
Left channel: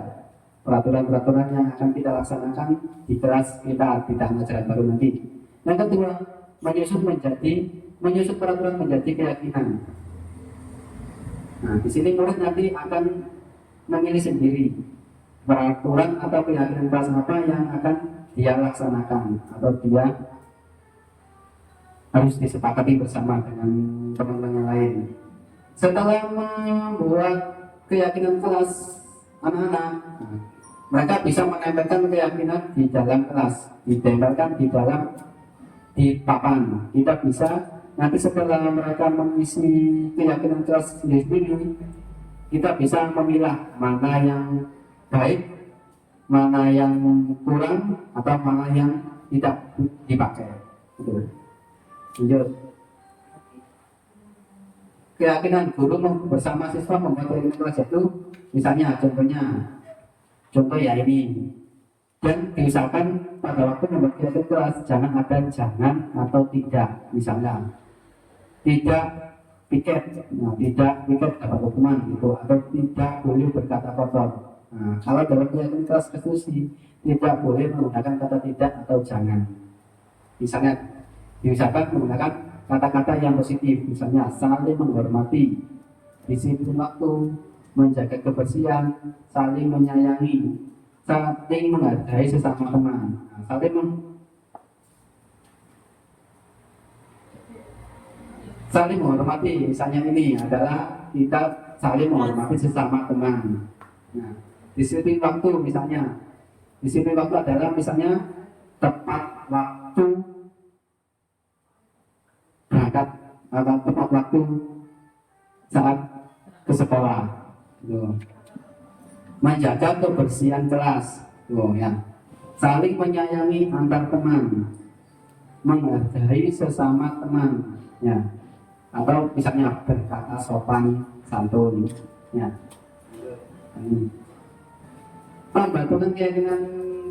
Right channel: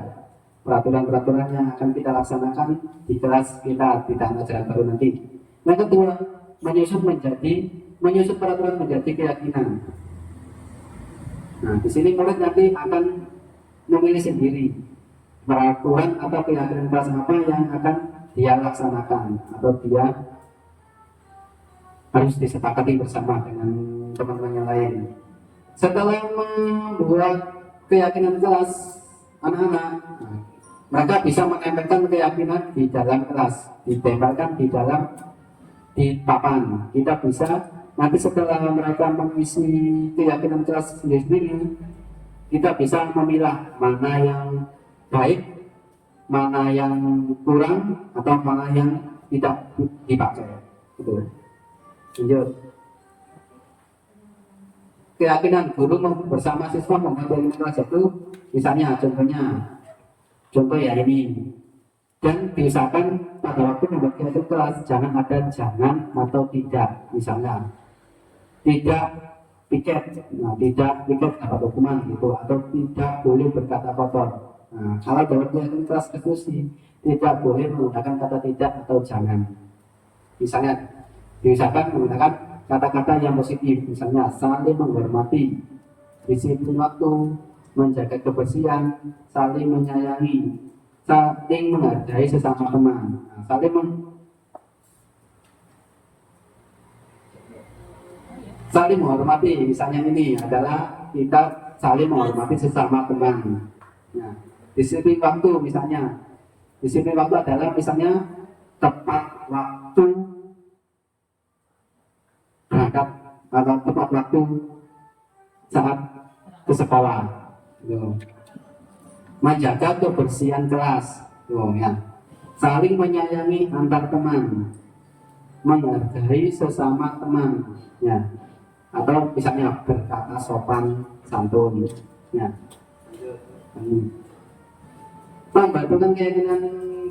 peraturan-peraturan yang akan kita laksanakan di kelas kita di tahun ajaran baru nanti. Yang kedua, menyusun peraturan menjadi keyakinan. Nah, di sini murid nanti akan memilih sendiri peraturan atau keyakinan kelas apa yang akan dia laksanakan atau dia harus disepakati bersama dengan teman-teman yang lain. Setelah membuat keyakinan kelas anak-anak, mereka bisa menempelkan keyakinan di dalam kelas, ditempelkan di papan. Kita bisa nanti setelah mereka mengisi keyakinan kelas sendiri, kita bisa memilah mana yang baik, mana yang kurang, atau mana yang tidak dipakai. Gitu. Lanjut. Keyakinan guru bersama siswa membuat keyakinan kelas itu, misalnya contoh ya ini, dan diusahakan pada waktu membuat keyakinan kelas jangan ada jangan atau tidak, misalnya tidak piket, tidak piket dapat hukuman gitu, atau tidak boleh berkata kotor. Nah, kalau dalam keyakinan kelas diskusi tidak boleh menggunakan kata tidak atau jangan. Misalnya diusahakan menggunakan kata-kata yang positif, misalnya saling menghormati, disiplin waktu, menjaga kebersihan, saling menyayangi, saling menghargai sesama teman. Nah, saling menghormati, misalnya ini adalah kita saling menghormati sesama teman. Nah, disiplin waktu misalnya, disiplin waktu adalah misalnya tepat waktu berangkat atau tepat waktu saat ke sekolah. Tuh. Menjaga kebersihan kelas. Tuh, ya. Saling menyayangi antar teman, menghargai sesama teman, ya. Atau misalnya berkata sopan santun, ya. Pembentukan keyakinan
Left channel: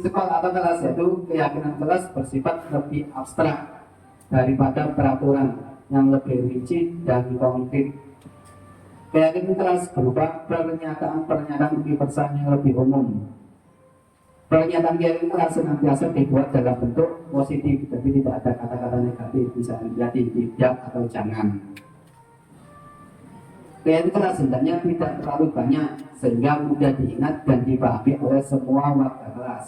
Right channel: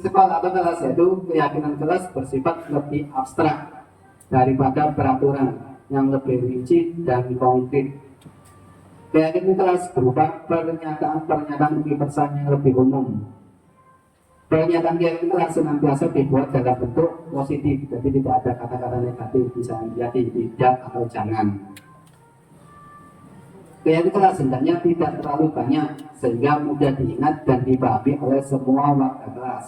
sekolah atau kelas yaitu keyakinan kelas bersifat lebih abstrak daripada peraturan yang lebih rinci dan konkret. Keyakinan kelas berupa pernyataan-pernyataan universal yang lebih umum. Pernyataan keyakinan kelas senantiasa dibuat dalam bentuk positif, jadi tidak ada kata-kata negatif, misalnya tidak atau jangan. Keyakinan kelas hendaknya tidak terlalu banyak sehingga mudah diingat dan dipahami oleh semua warga kelas.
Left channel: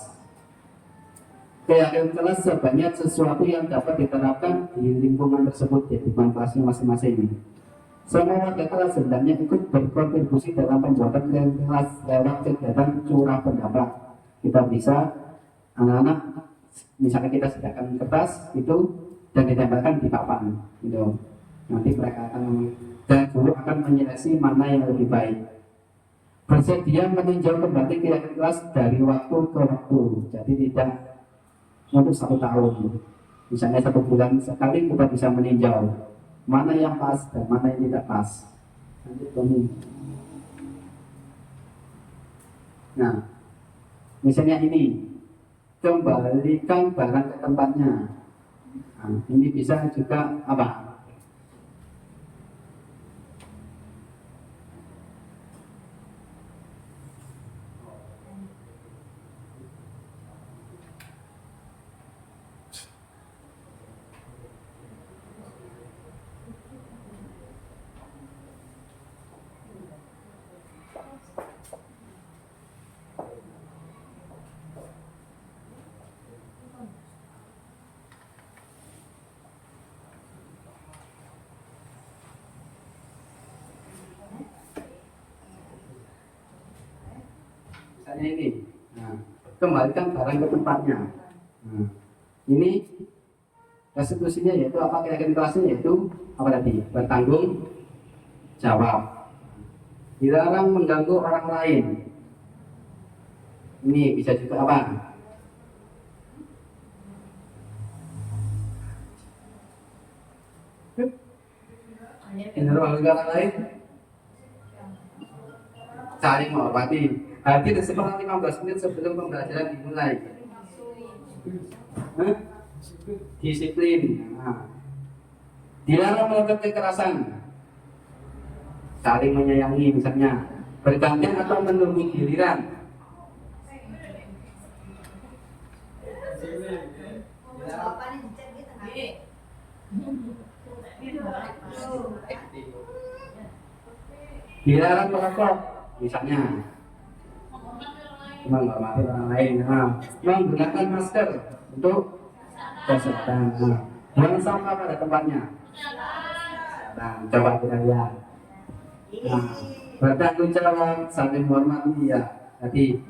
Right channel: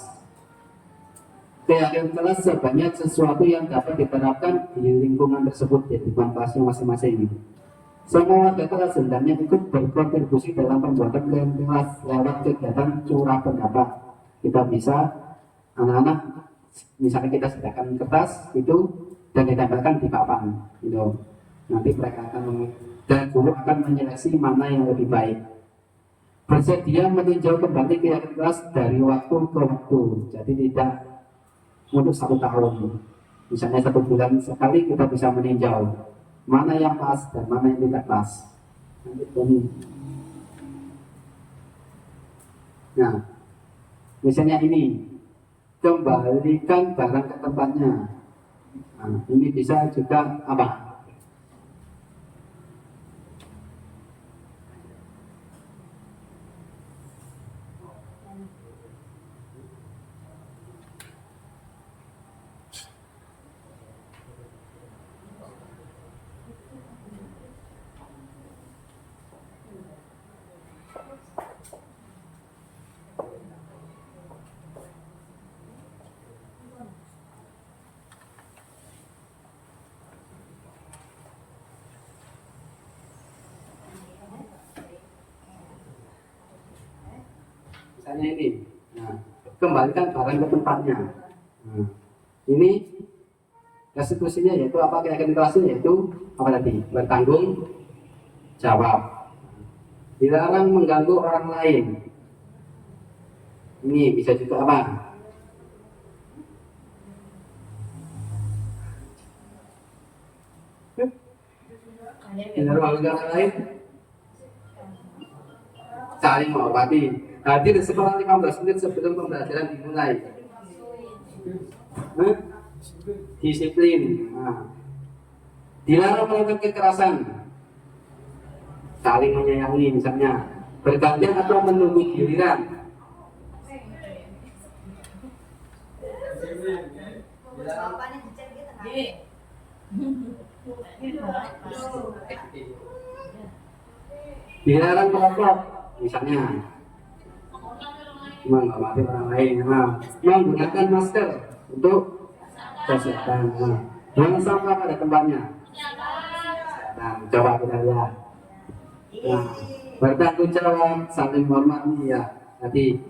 keyakinan kelas sebanyak sesuatu yang dapat diterapkan di lingkungan tersebut, di lingkungan kelasnya masing-masing. Semua warga kelas hendaknya ikut berkontribusi dalam pembuatan kelas lewat kegiatan curah pendapat. Kita bisa, anak-anak, misalkan kita sediakan kertas itu dan ditempelkan di papan, gitu. Nanti mereka akan dan guru akan menyeleksi mana yang lebih baik. Bersedia meninjau kembali kegiatan kelas dari waktu ke waktu, jadi tidak untuk 1 tahun. Misalnya 1 bulan sekali kita bisa meninjau mana yang pas dan mana yang tidak pas. Nanti ini. Nah, misalnya ini, kembalikan barang ke tempatnya. Nah, ini bisa juga apa? Misalnya ini, nah, kembalikan barang ke tempatnya. Nah, ini restitusinya yaitu apa, keyakinan kelasnya yaitu apa tadi? Bertanggung jawab. Dilarang mengganggu orang lain. Ini bisa juga apa? Mengganggu orang lain. Saling menghormati. Hadir sekitar 15 menit sebelum pembelajaran dimulai. Disiplin. Nah. Dilarang melakukan kekerasan. Saling menyayangi misalnya. Bergantian atau menunggu giliran. Dilarang merokok misalnya. Menghormati orang lain, menggunakan masker untuk kesehatan, buang sampah pada tempatnya. Nah, coba kita lihat. Nah, bertanggung jawab, saling menghormati ya. Jadi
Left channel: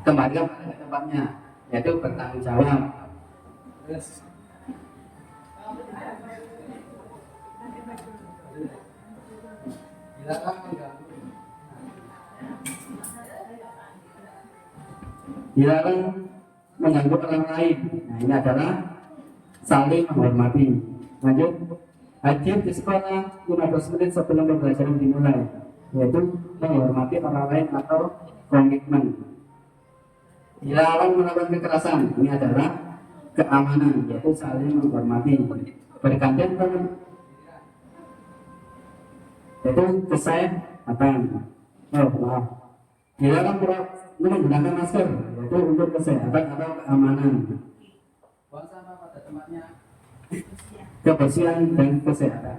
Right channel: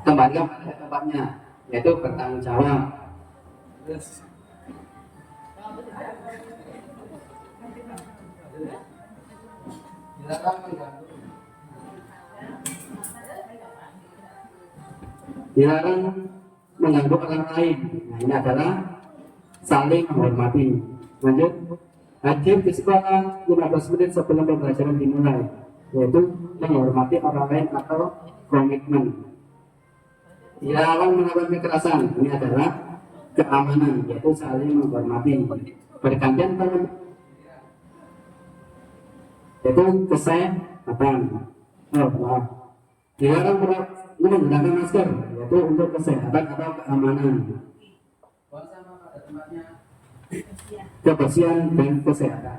kembali pada tempatnya, yaitu bertanggung jawab. Dilarang mengganggu orang lain. Nah, ini adalah saling menghormati. Lanjut, hadir di sekolah 15 menit sebelum pembelajaran dimulai, yaitu menghormati orang lain atau komitmen. Dilarang melakukan kekerasan. Ini adalah keamanan, yaitu saling menghormati. Bergantian yaitu kesehatan. Dilarang menggunakan masker, yaitu untuk kesehatan atau keamanan. Buang sampah pada tempatnya, kebersihan dan kesehatan.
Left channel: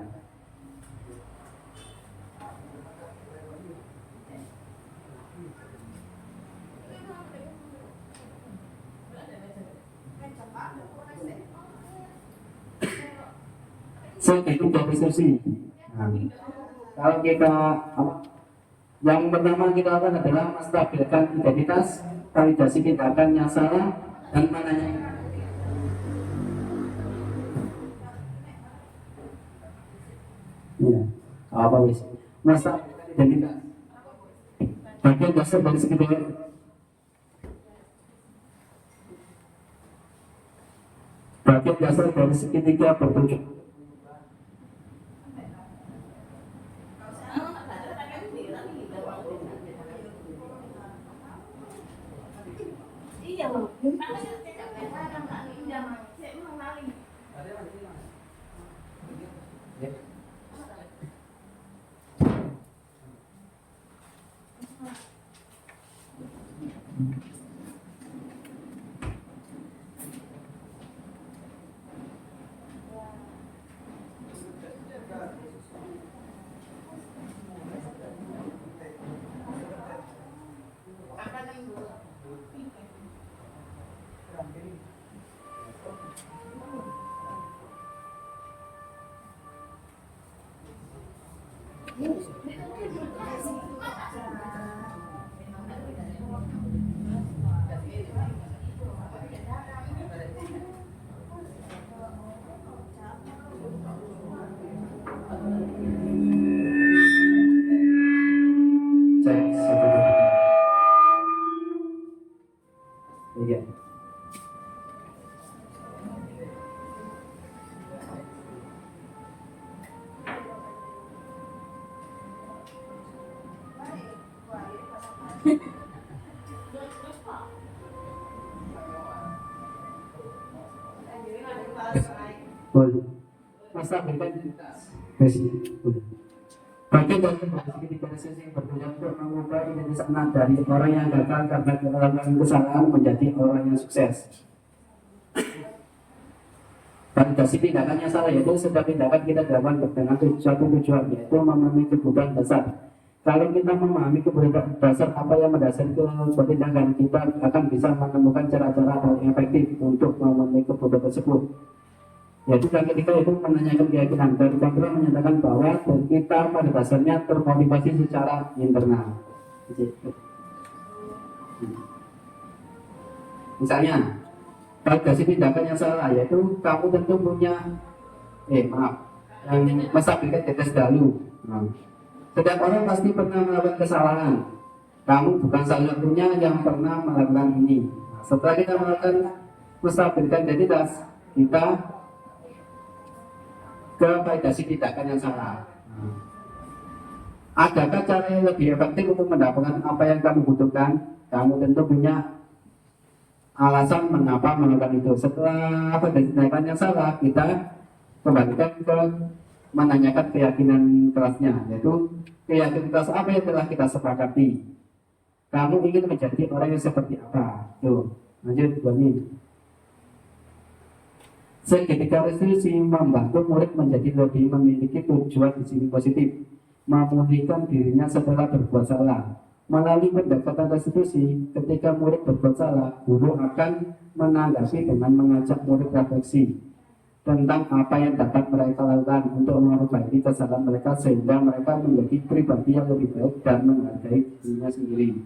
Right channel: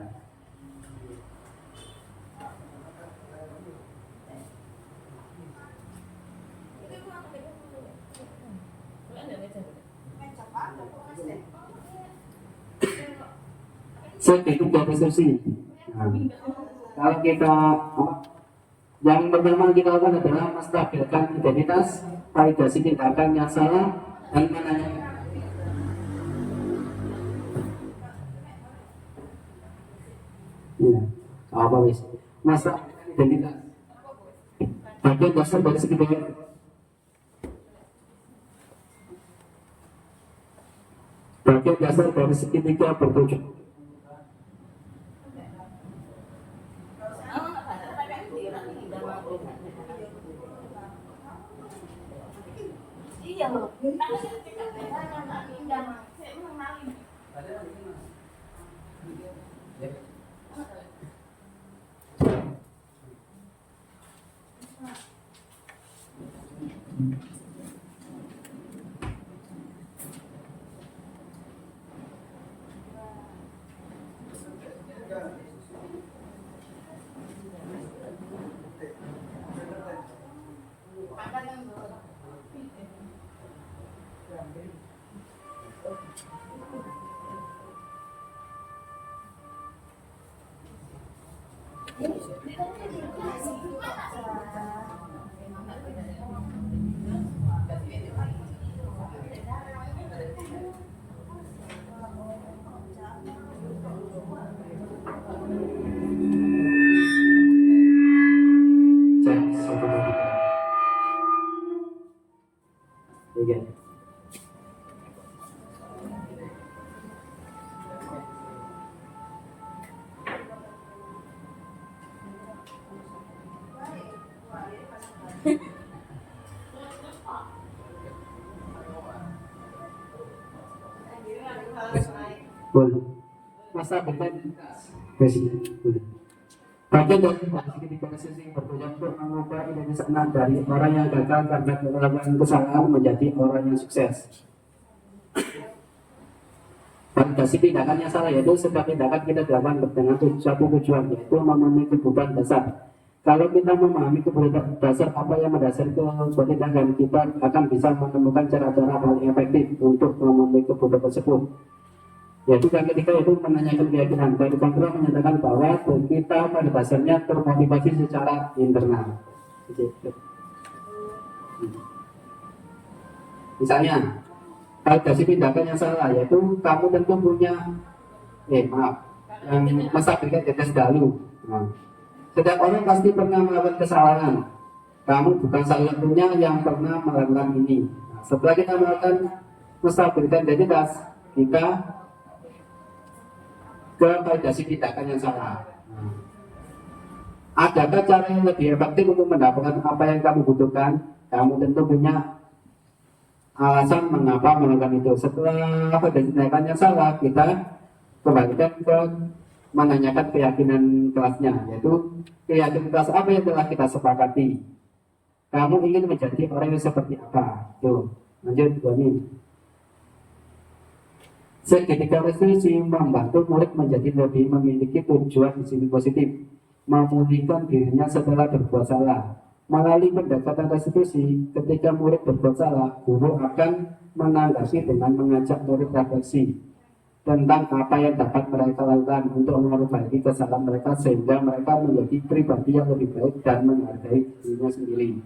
Segitiga diskusi. Nah, kalau kita yang pertama kita lakukan adalah menstabilkan identitas, validasi tindakan yang salah dan mananya. Ya, apa wis? Menstabilkan identitas. Bagian dasar dari segitiga. Bagian dasar dari segitiga bertujuh. Cek satu dua tiga. Boleh. Masa bebas. Boleh. Bagian dari kondisi digitalisasi yang bertujuan untuk mengubah Indonesia dari orang yang gagal karena melakukan kesalahan menjadi orang yang sukses. Validasi tindakan yang salah yaitu setiap tindakan kita lakukan dengan suatu tujuan, yaitu memenuhi kebutuhan dasar. Kalau kita memahami kebutuhan dasar apa yang mendasari sebuah tindakan, kita akan bisa menemukan cara-cara paling efektif untuk memenuhi kebutuhan tersebut. Yaitu yang ketiga itu menanyakan keyakinan. Dari kontrol menyatakan bahwa kita pada dasarnya termotivasi secara internal. Misalnya, validasi tindakan yang salah yaitu kamu tentu punya yang masa berikan tetes dahulu. Setiap orang pasti pernah melakukan kesalahan. Kamu bukan satu-satunya yang pernah melakukan ini. Setelah kita melakukan masa berikan identitas, kita ke validasi tindakan yang salah. Adakah cara yang lebih efektif untuk mendapatkan apa yang kamu butuhkan? Kamu tentu punya alasan mengapa melakukan itu. Setelah validasi tindakan yang salah, kita kembalikan ke menanyakan keyakinan kelasnya, yaitu keyakinan kelas apa yang telah kita sepakati. Kamu ingin menjadi orang yang seperti apa? Tuh, lanjut Boni. Segitiga resolusi membantu murid menjadi lebih memiliki tujuan di sini positif, memulihkan dirinya setelah berbuat salah. Melalui pendekatan restitusi, ketika murid berbuat salah, guru akan menanggapi dengan mengajak murid refleksi tentang apa yang dapat mereka lakukan untuk memperbaiki kesalahan mereka sehingga mereka menjadi pribadi yang lebih baik dan menghargai dirinya sendiri.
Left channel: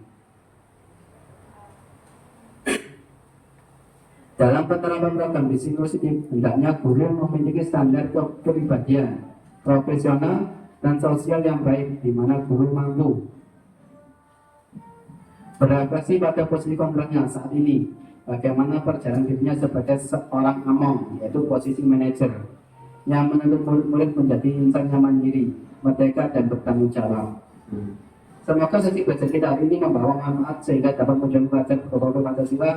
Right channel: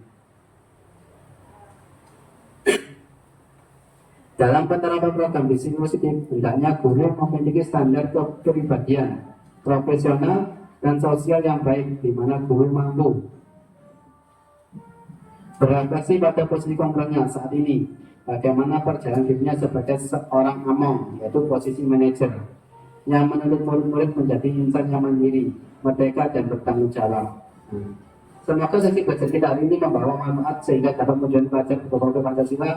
Dalam penerapan program bisnis positif, hendaknya guru memiliki standar kepribadian, profesional, dan sosial yang baik, di mana guru mampu berefleksi pada posisi kontrolnya saat ini, bagaimana perjalanan dirinya sebagai seorang among, yaitu posisi manajer, yang menuntut murid-murid menjadi insan yang mandiri, merdeka, dan bertanggung jawab. Semoga sesi belajar kita hari ini membawa manfaat sehingga dapat menjadi pelajar berprofil Pancasila.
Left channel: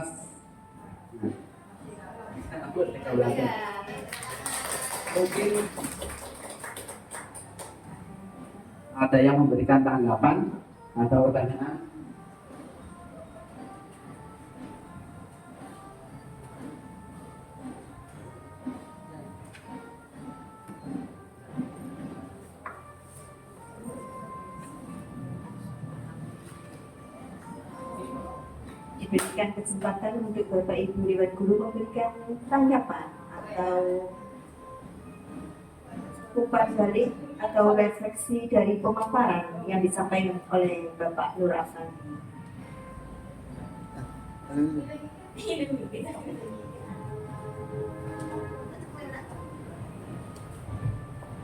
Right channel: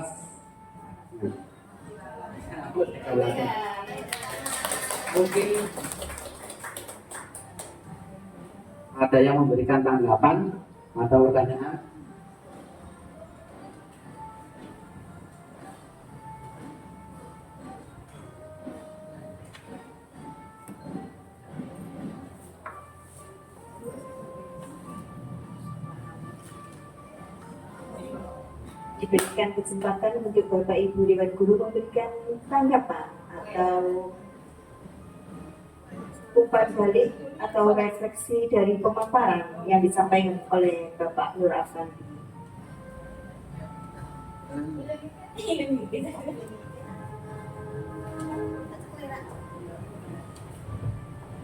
Mungkin ada yang memberikan tanggapan atau pertanyaan. Diberikan kesempatan untuk Bapak Ibu Dewan Guru memberikan tanggapan atau umpan balik atau refleksi dari pemaparan yang disampaikan oleh Bapak Nur Afandi.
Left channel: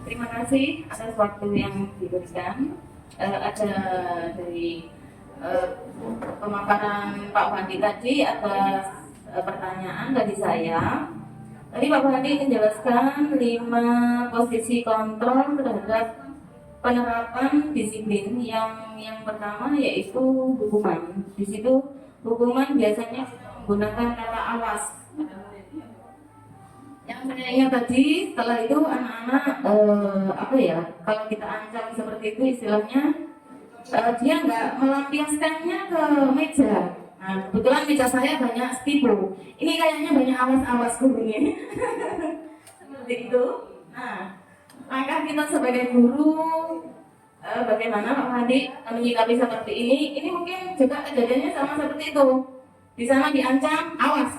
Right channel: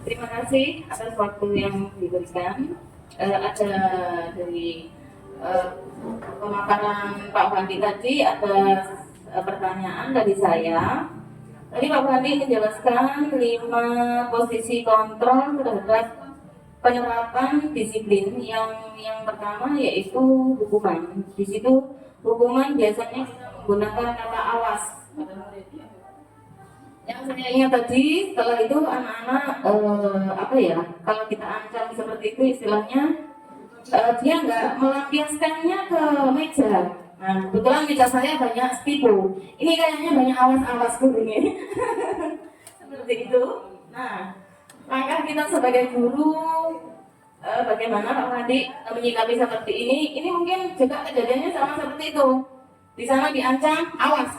Terima kasih atas waktu yang diberikan. Ada dari pemaparan Pak Fandi tadi atas pertanyaan dari saya. Tadi Pak Fandi menjelaskan 5 posisi kontrol terhadap penerapan disiplin. Yang pertama yaitu hukuman. Di situ hukuman biasanya menggunakan kata awas. Yang saya ingat tadi, setelah itu anak-anak kalau kita ancam seperti itu istilahnya, dia nggak melampiaskannya ke meja. Nah, kebetulan meja saya banyak spidol. Ini kayaknya banyak awas-awas ini. Seperti itu. Nah, langkah kita sebagai guru, bagaimana Pak Fandi menyikapi seperti ini? Ini mungkin juga kejadiannya sama seperti itu. Di sana diancam, awas.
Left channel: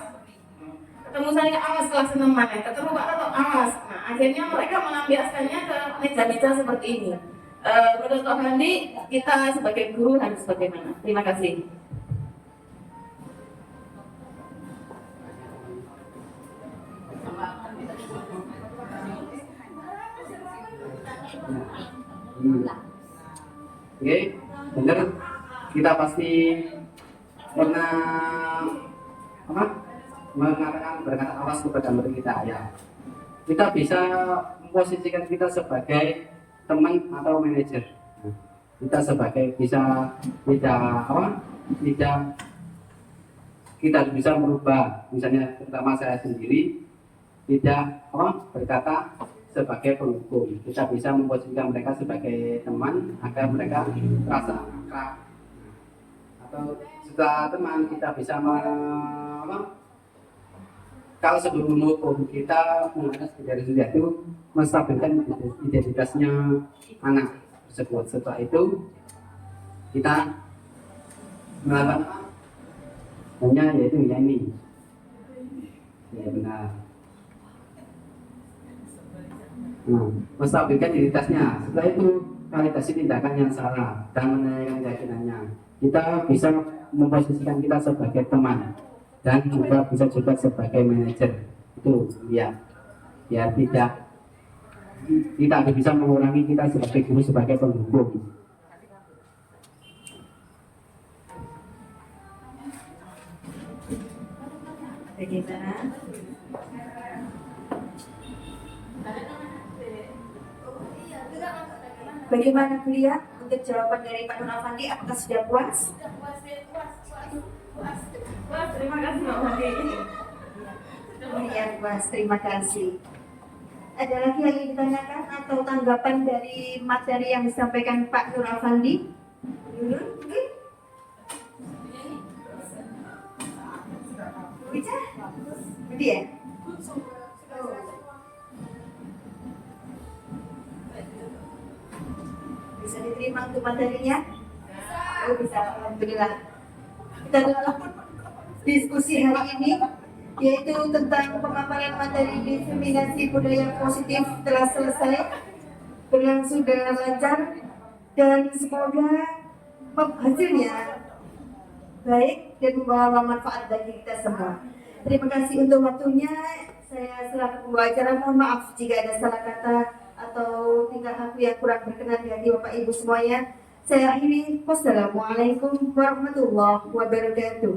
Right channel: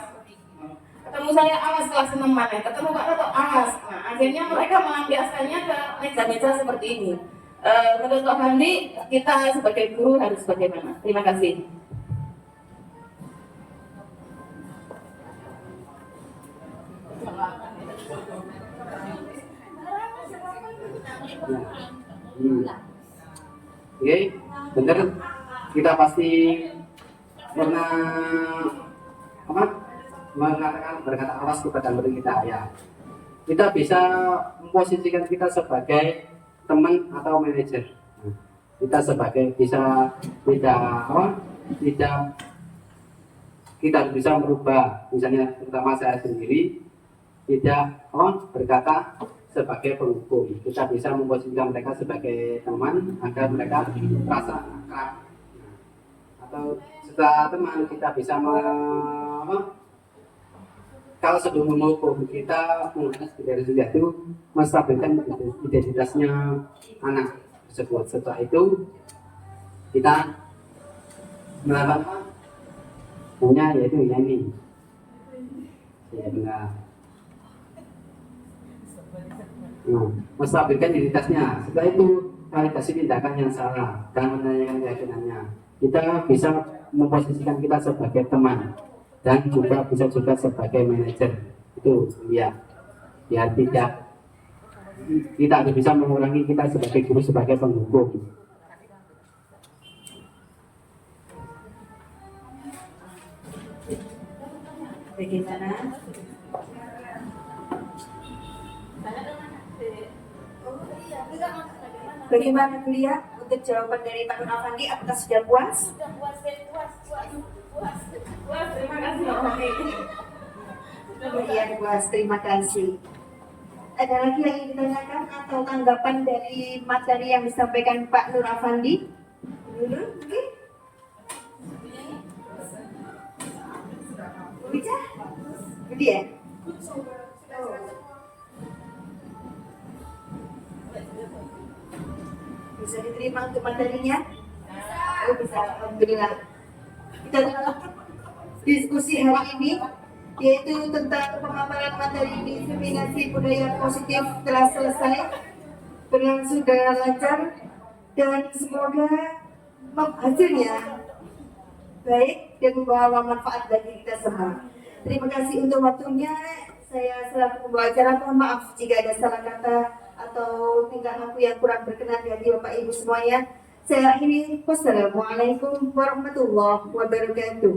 Ketemu saya, awas kelas 6 mana. Ketemu Pak Toto, awas. Nah, akhirnya mereka melampiaskannya ke meja-meja seperti ini. Menurut Pak Handi, kita sebagai guru harus bagaimana? Terima kasih. Oke, benar. Kita pasti pernah apa? Berkata awas kepada murid kita ya. Kita bisa memposisikan kita sebagai teman atau manajer. Kita sebagai bisa tidak apa? Tidak kita bisa merubah, misalnya terutama saya sendiri tidak apa berkata sebagai penghukum. Kita bisa memposisikan mereka sebagai teman agar mereka merasa akrab. Atau setelah teman kita bisa kalau sebelum menghukum kita menggunakan dari sejak itu menstabilkan identitasnya anak tersebut. Setelah itu kita melakukan hanya yaitu ya ini ya benar. Menstabilkan identitasnya. Setelah itu validasi tindakan yang salah dan menanyakan keyakinannya. Kita bisa memposisikan kita sebagai teman dan juga bisa juga sebagai manajer. Itu ya tidak kita harus bisa mengurangi kita sebagai guru sebagai penghukum. Bagaimana? Bagaimana kuliah? Untuk jawaban dari Pak Nur Afandi, apakah sudah puas? Wah, terima kasih Pak Handi. Iya puas, terima kasih. Ada lagi yang ingin ditanyakan atau tanggapan dari materi yang disampaikan Pak Nur Afandi? Oke. Bisa? Dia? Bisa diterima untuk materinya? Oh bisa, alhamdulillah. Kita tutup diskusi hari ini, yaitu tentang pemaparan materi diseminasi budaya positif telah selesai, berlangsung dengan lancar, dan semoga hasilnya baik dan membawa manfaat bagi kita semua. Terima kasih untuk waktunya. Saya selaku pembawa acara mohon maaf jika ada salah kata atau tingkah laku yang kurang berkenan di hati Bapak Ibu semuanya. Saya akhiri. Wassalamualaikum warahmatullahi wabarakatuh.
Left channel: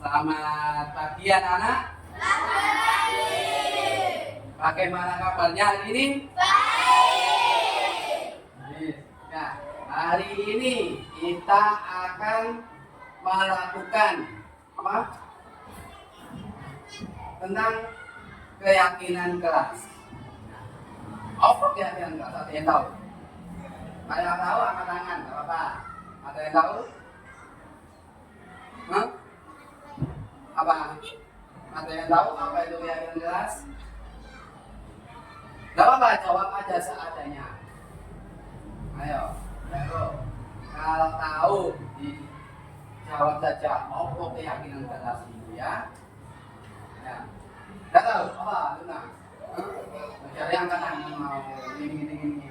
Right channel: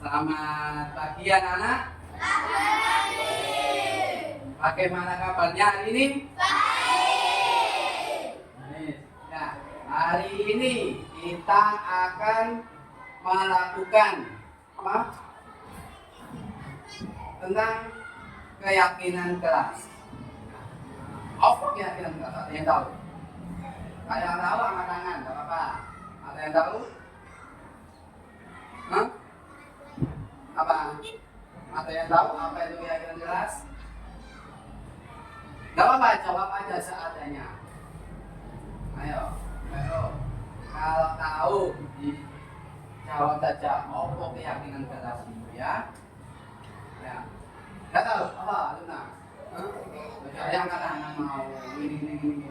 Selamat pagi anak-anak. Bagaimana kabarnya hari ini? Baik. Ya, hari ini kita akan melakukan apa? Tentang keyakinan kelas. Apa keyakinan kelas? Ada yang tahu? Ada yang tahu? Angkat tangan, tidak apa-apa. Ada yang tahu? Hah? Apa? Ada yang tahu apa itu keyakinan kelas? Gak apa-apa, jawab aja seadanya. Ayo. Kalau tahu, jawab saja. Apa keyakinan kelas ini ya? Ya. Gak tahu? Apa? Luna? Mencari angkat tangan mau gini.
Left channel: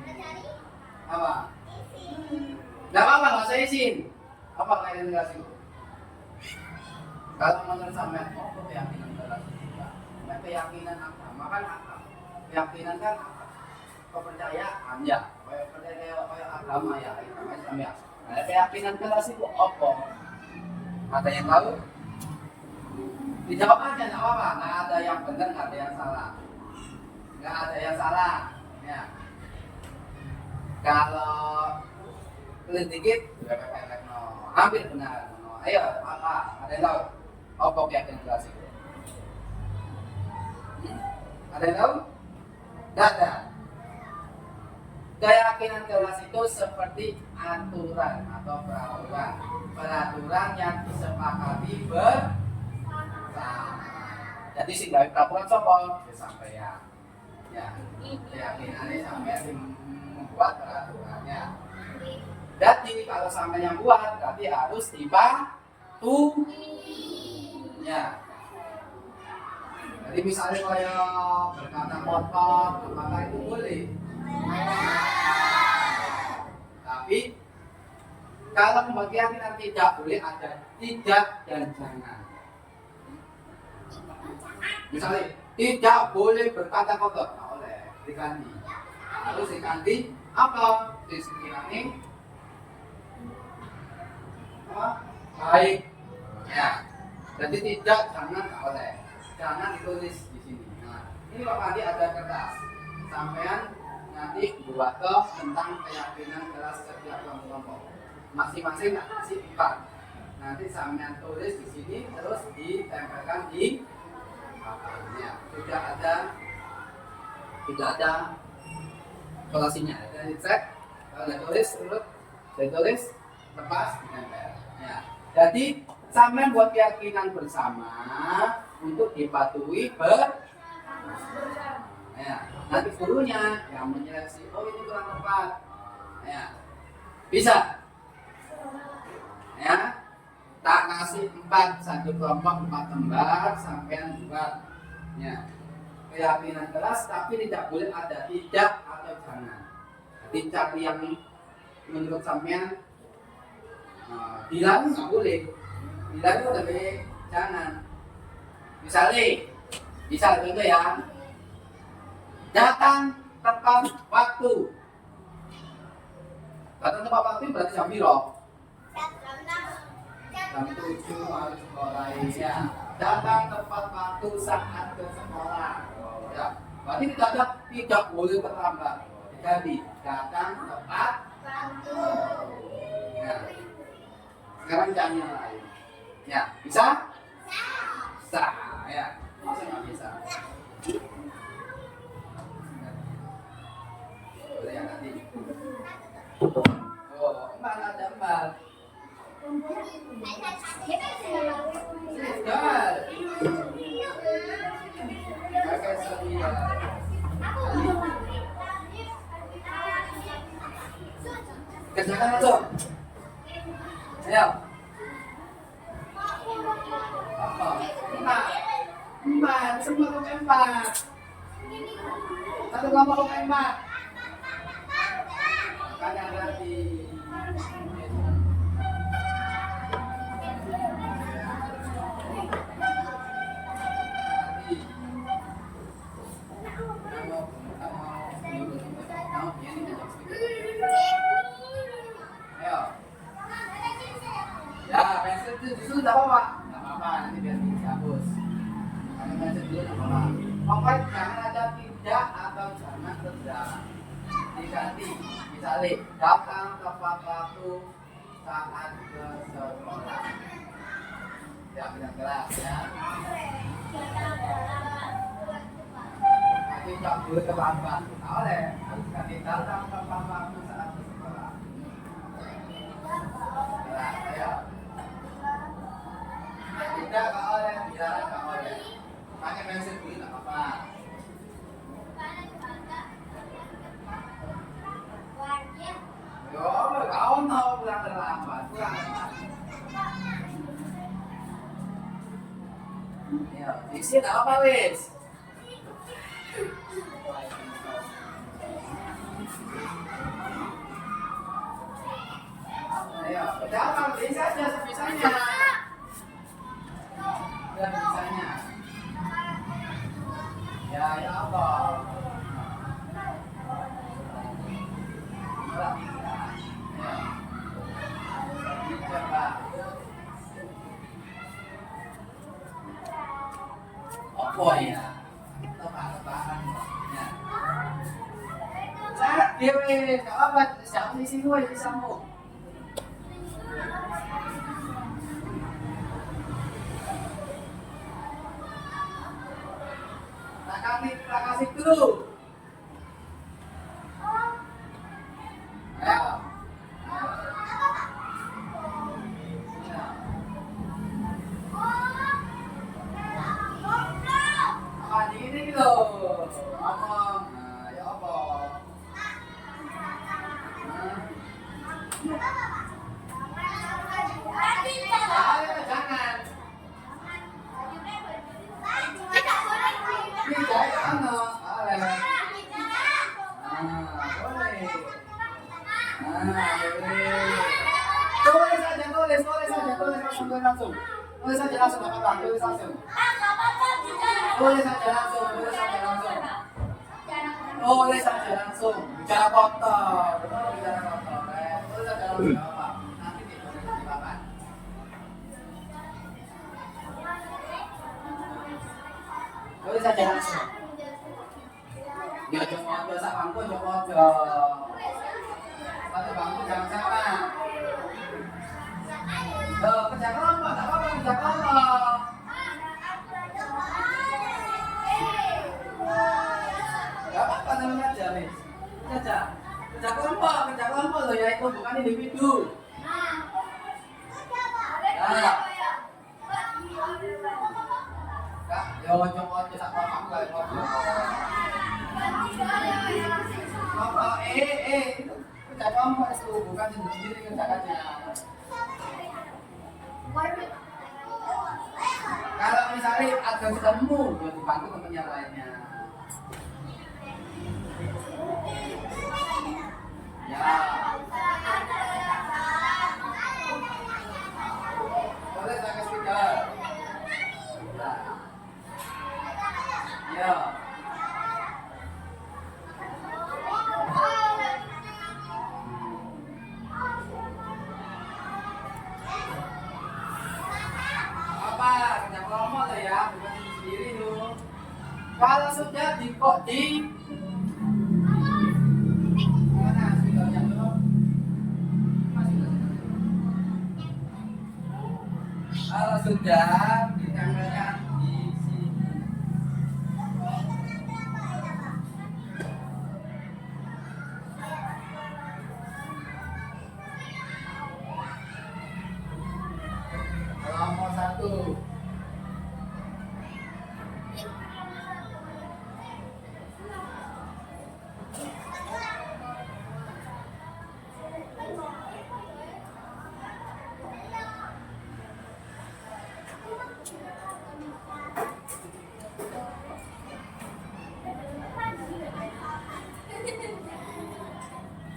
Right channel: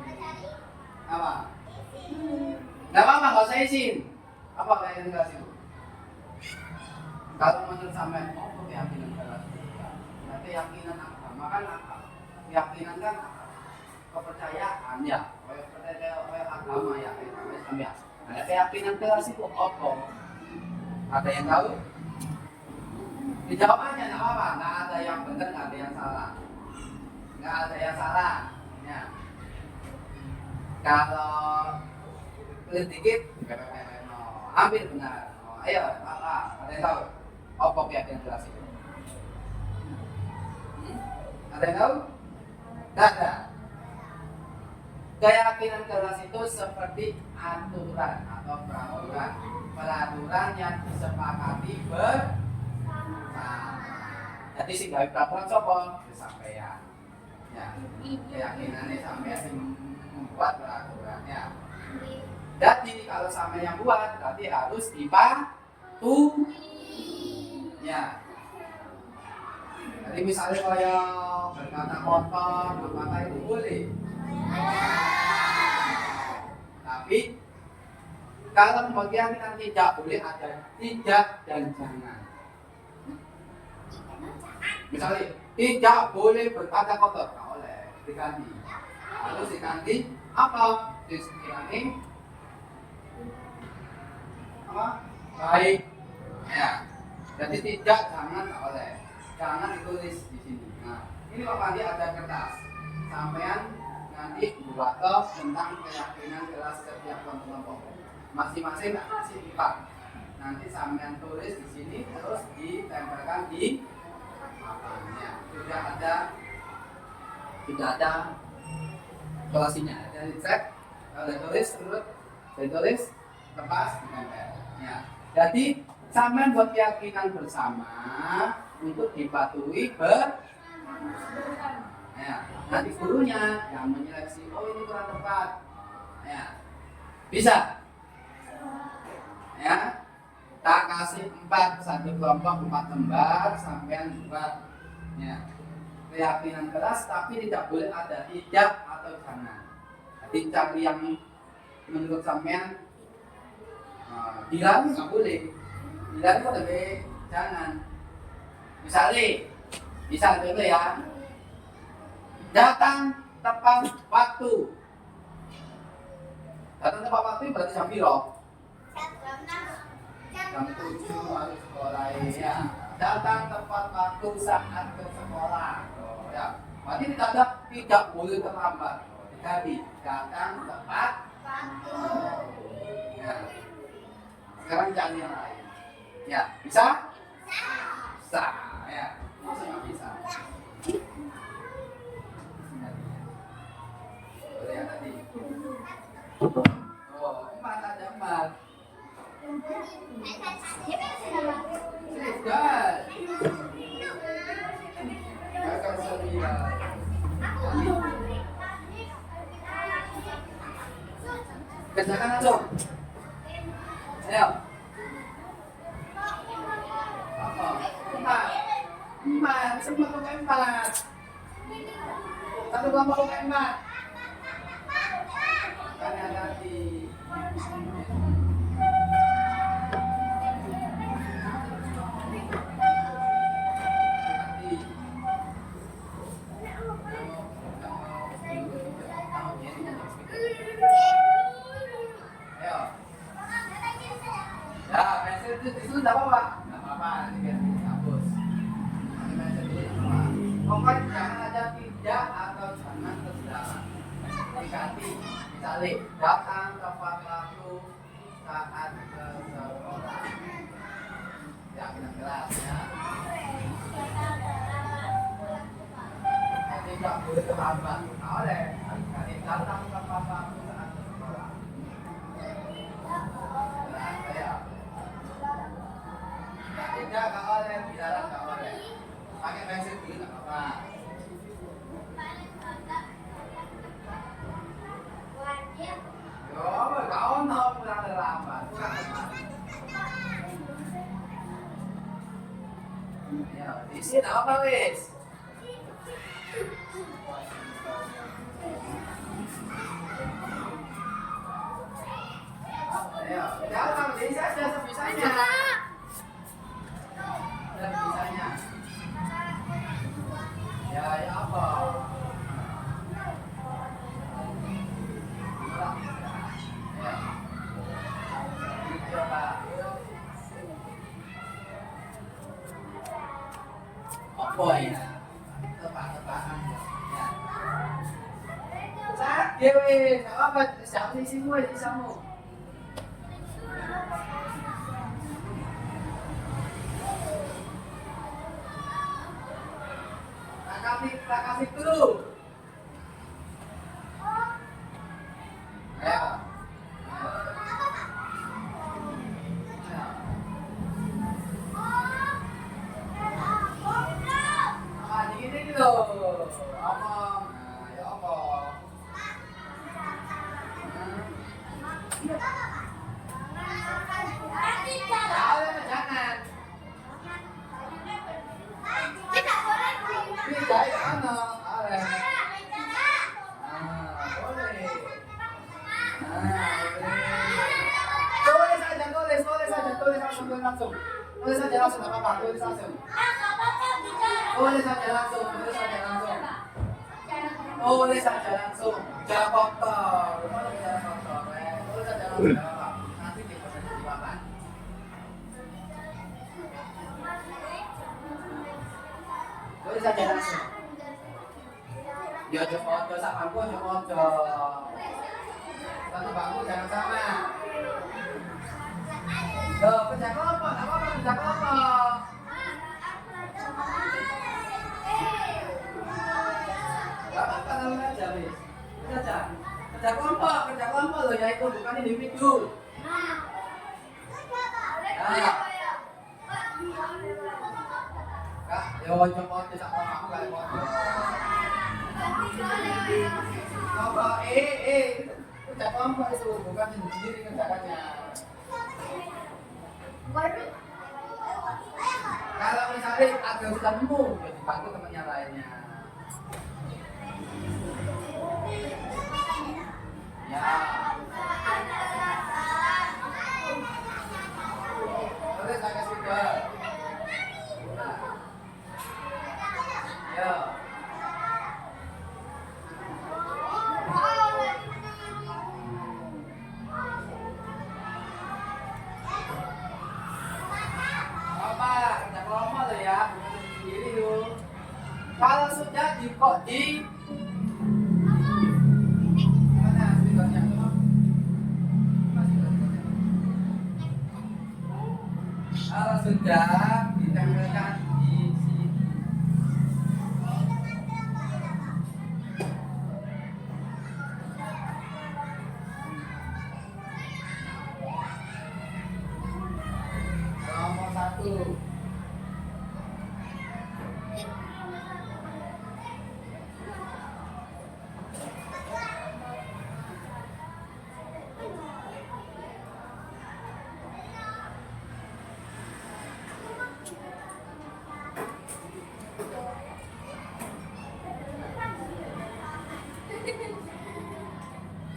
Apa? Gak apa-apa, gak usah izin. Apa keyakinan kelas itu? Kalau menurut sampai apa keyakinan kelas itu? Ya, keyakinan agama kan apa? Keyakinan kan kepercayaan ya, kayak agama ya, kayak Islam ya. Nah, keyakinan kelas itu apa? Ada yang tahu? Dijawab aja, nggak apa-apa. Nggak ada yang benar, nggak ada yang salah. Nggak ada yang salah. Ya. Kalau sedikit, hampir benar. Ayo, ada yang tahu? Apa keyakinan kelas itu? Ada yang tahu? Nggak ada. Keyakinan kelas itu seperti aturan atau peraturan yang disepakati bersama. Jadi sing gawe peraturan sapa? Sampeyan. Ya. Keyakinannya sampeyan sing membuat peraturannya. Jadi kalau sampeyan yang buat berarti harus dipatuhi. Ya. Jadi misalnya kayak berkata kotor, apakah itu boleh? Tapi kalau keyakinan tidak boleh ada tidak dan jangan. Misalnya tidak boleh berkata kotor, nggak boleh diganti. Harus diganti apa? Diganti apa? Baik. Ya. Jadi tidak jangan nggak boleh. Jangan ditulis di sini. Nah, ini Pak Pandi ada kertas. Sampean nanti buat tentang keyakinan kelas setiap kelompok. Masing-masing kasih 4. Nanti sampean tulis di sini terus ditempelkan di papannya. Tidak ada kolasinya. Jadi cek, ada tulis terus, ditulis, lepas, ditempel. Ya. Jadi sampean buat keyakinan bersama untuk dipatuhi ya, nanti gurunya yang menyeleksi, oh ini kurang tepat, ya, bisa, ya, tak kasih 4 satu kelompok 4 lembar sampean buat, ya, keyakinan kelas tapi tidak boleh ada tidak atau jangan. Jadi cari yang menurut sampean bilang nggak boleh, bilang itu lebih jangan. Misalnya, contoh ya, datang tepat waktu. Datang tepat waktu berarti jam berapa? Jam 7 harus sekolah ya. Datang tepat waktu saat ke sekolah. Ya, berarti tidak boleh terlambat. Jadi datang tepat waktu. Ya. Sekarang jangan yang lain. Ya, bisa? Bisa. Ya, maksudnya bisa. Boleh yang nanti. Oh, empat ada 4. Sudah. Kakak Sonia. Kerjakan langsung. Ayo. Empat, semua pakai 4. Satu kelompok pakai 4. Makanya nanti ayo. Ya, pensil itu disuruh tidak apa-apa. Tidak apa-apa, nanti biar dihapus. Nanti pensil dulu tidak apa-apa. Pokoknya jangan ada tidak atau jangan berjalan. Diganti. Misalnya, datang tepat waktu saat ke sekolah. Ya, tidak keras ya. Tidak boleh terlambat. Oleh, nanti datang tepat waktu saat ke sekolah. Nah, saya. Tidak nggak oleh, biaran nggak oleh. Pakai pensil dulu nggak apa-apa. Yo, kau tahu kurang terlambat, kurang terlambat. Ya, isi apa wis? Ayo, jangan isi aja sebisanya. Sebisanya. Ya apa? Apa ya? Tebak-tebakan ya. Saya dewe, apa? Siapa di sini di samu? Tak kasih dulu. Jangan. Tidak, ano? Boleh. Tulis saja, tulis langsung. Tulis saja langsung, nggak apa-apa, tulis langsung. Tulis saja langsung. Tulis saja langsung. Bicara kotor. Bicara kotor. Tulis saja langsung, nggak apa-apa. Nanti tidak bisa dipakai. Tulis saja langsung. Ya jangan foto sak bangku, jangan foto. Satu bangku jangan sama. Kerja kelompok, tak apa-apa, kerja kelompok. Gak apa-apa namanya aja, Miss. Kerja kelompok loh ya, itu bukan individu. Nah. Kak, yo copot sak kelompok kali foto. Kerja kelompok itu bukan sendiri kerjaannya. Kalau misalnya ada ketemu, ya dibantu temannya lainnya. Ya. Boleh saya speaker. Ya. Ya, bukan sendiri loh. Kalau sudah di mana speakernya tuh? Kalau sudah ditempelkan di sini. Kelompok 1.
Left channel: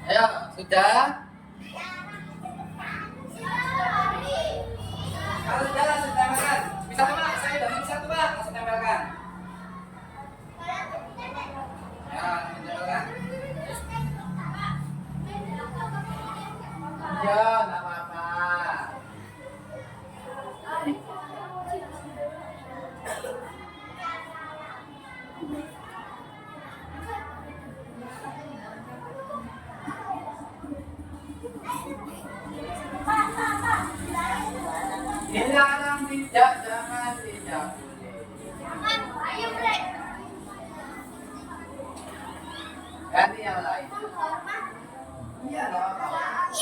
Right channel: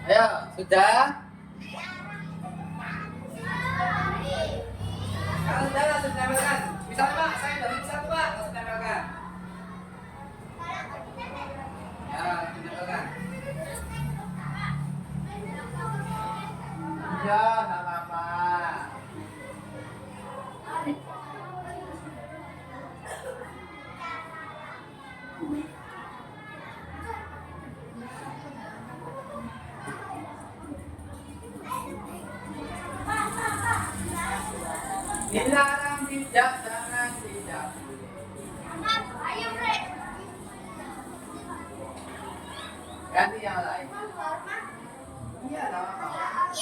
Ayo, sudah? Kalau sudah langsung tempelkan. Misalnya Pak, saya dari satu Pak, langsung tempelkan. Ya, langsung tempelkan. Ya, nggak apa-apa. Dilarang tidak, jangan tidak boleh. Ganti yang lain. Iya, nggak apa-apa.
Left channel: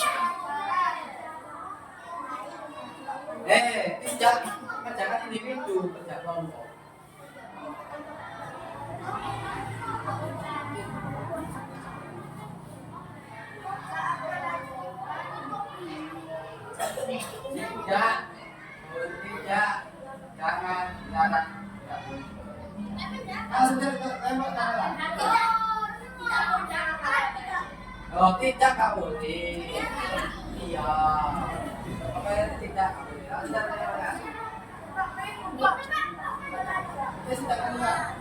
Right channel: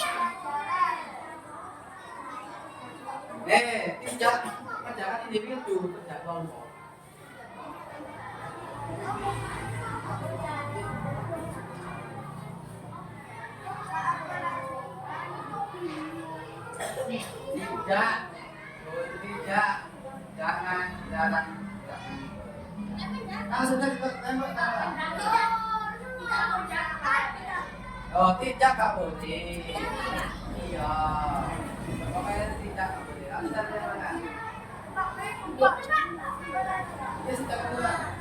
Tidak kerjakan individu, kerja kelompok. Tidak, jangan. Kalau sudah tembak tangan. Oh, tidak nggak boleh. Iya. Apa yang tidak nggak boleh? Kalau sudah tembak. Ya sudah keluar.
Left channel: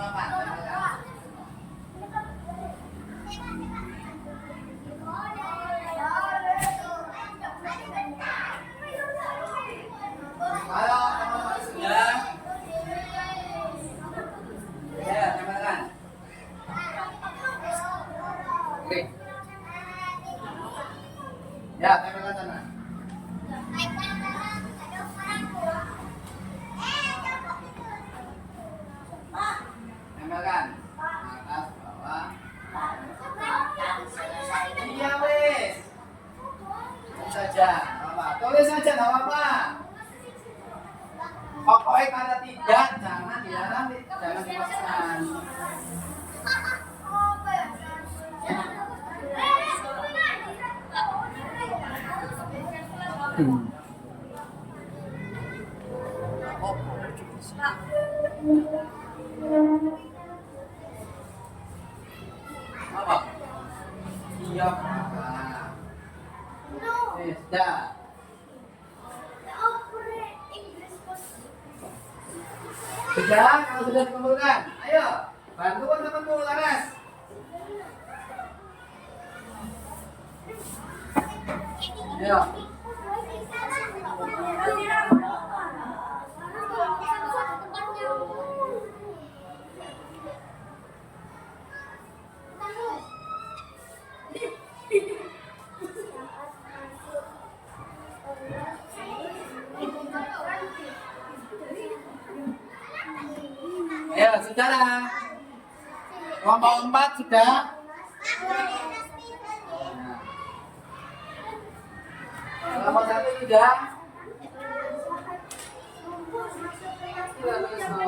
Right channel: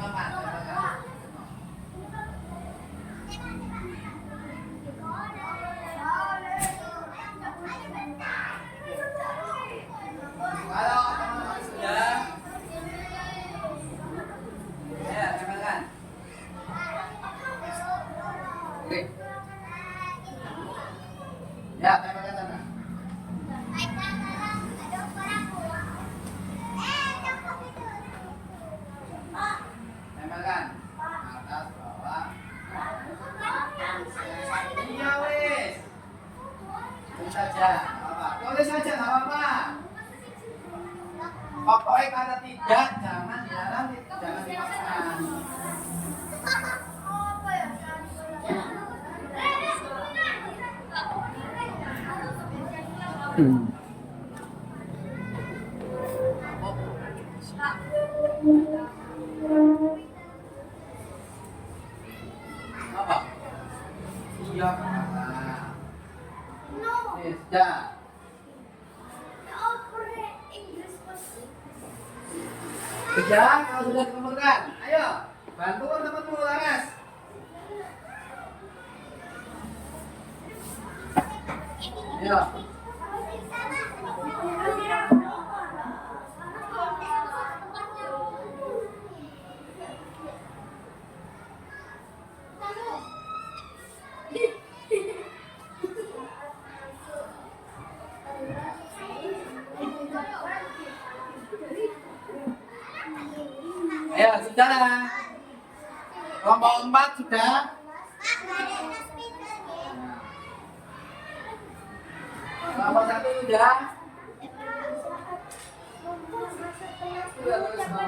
Bapak, tembak. Halo, teman-teman sudah? Ya, teman-teman. Oke. Ya, teman-teman sana. Teman-teman. Atas, bawah. Iya, wes. Tulis saja, apa? Tulis saja, nggak apa-apa. Pokoknya kata tidak, jangan dilarang, jangan dimasukkan. Apa? Iya. Sudah. Sudah, kalau sudah dikumpulkan, ayo bantu teman-temanmu Laras. Ayo. Ayo, sudah. Kelompok 4 sudah. Kelompok 1 sudah. Sudah, terus apa?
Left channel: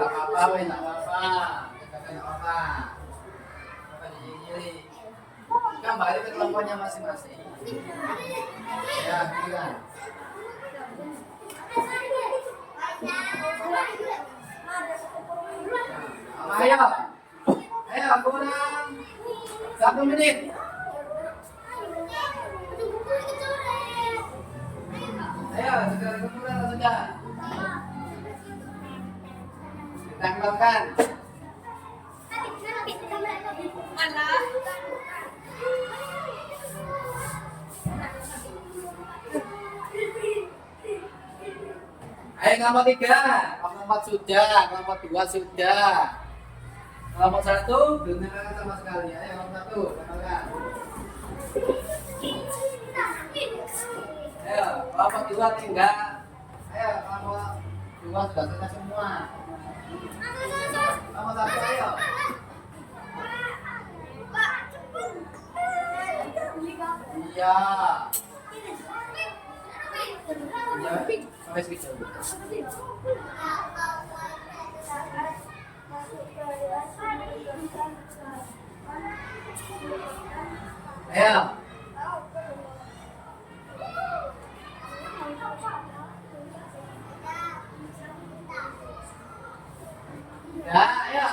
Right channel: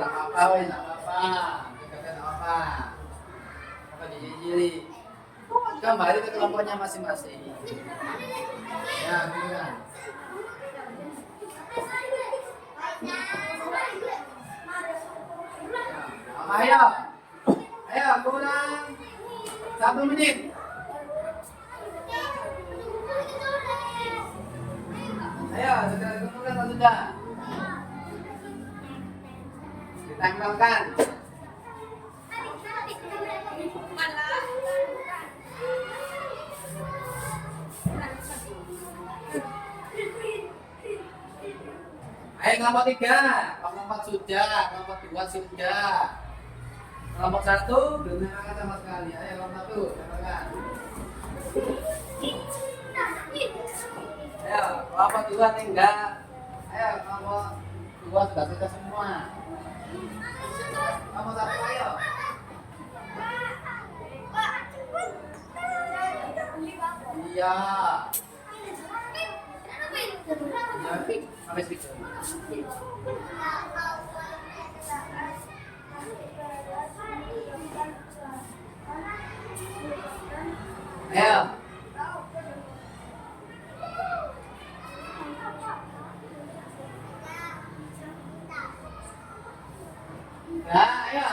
Gak apa-apa, weh, gak apa-apa. Gak apa-apa. Jadi kembali ke kelompoknya masing-masing. Ya, gitu kan. Ayo, ayo kurang 1 menit. Ayo, segera dikumpulkan atau sudah? Ditanggalkan. Ayo kelompok 3, kelompok 4 sudah, kelompok 2 sudah. Kelompok 1 belum ditanggalkan sama sekali. Ayo kelompok 1, tanggalkan. Ayo, kelompok 2 tinggal. Ayo, kelompok 2 sudah selesai semua. Kelompok 1 ayo. Iya. Iya, sampai speech dulu. Ayo. Ya, ayo.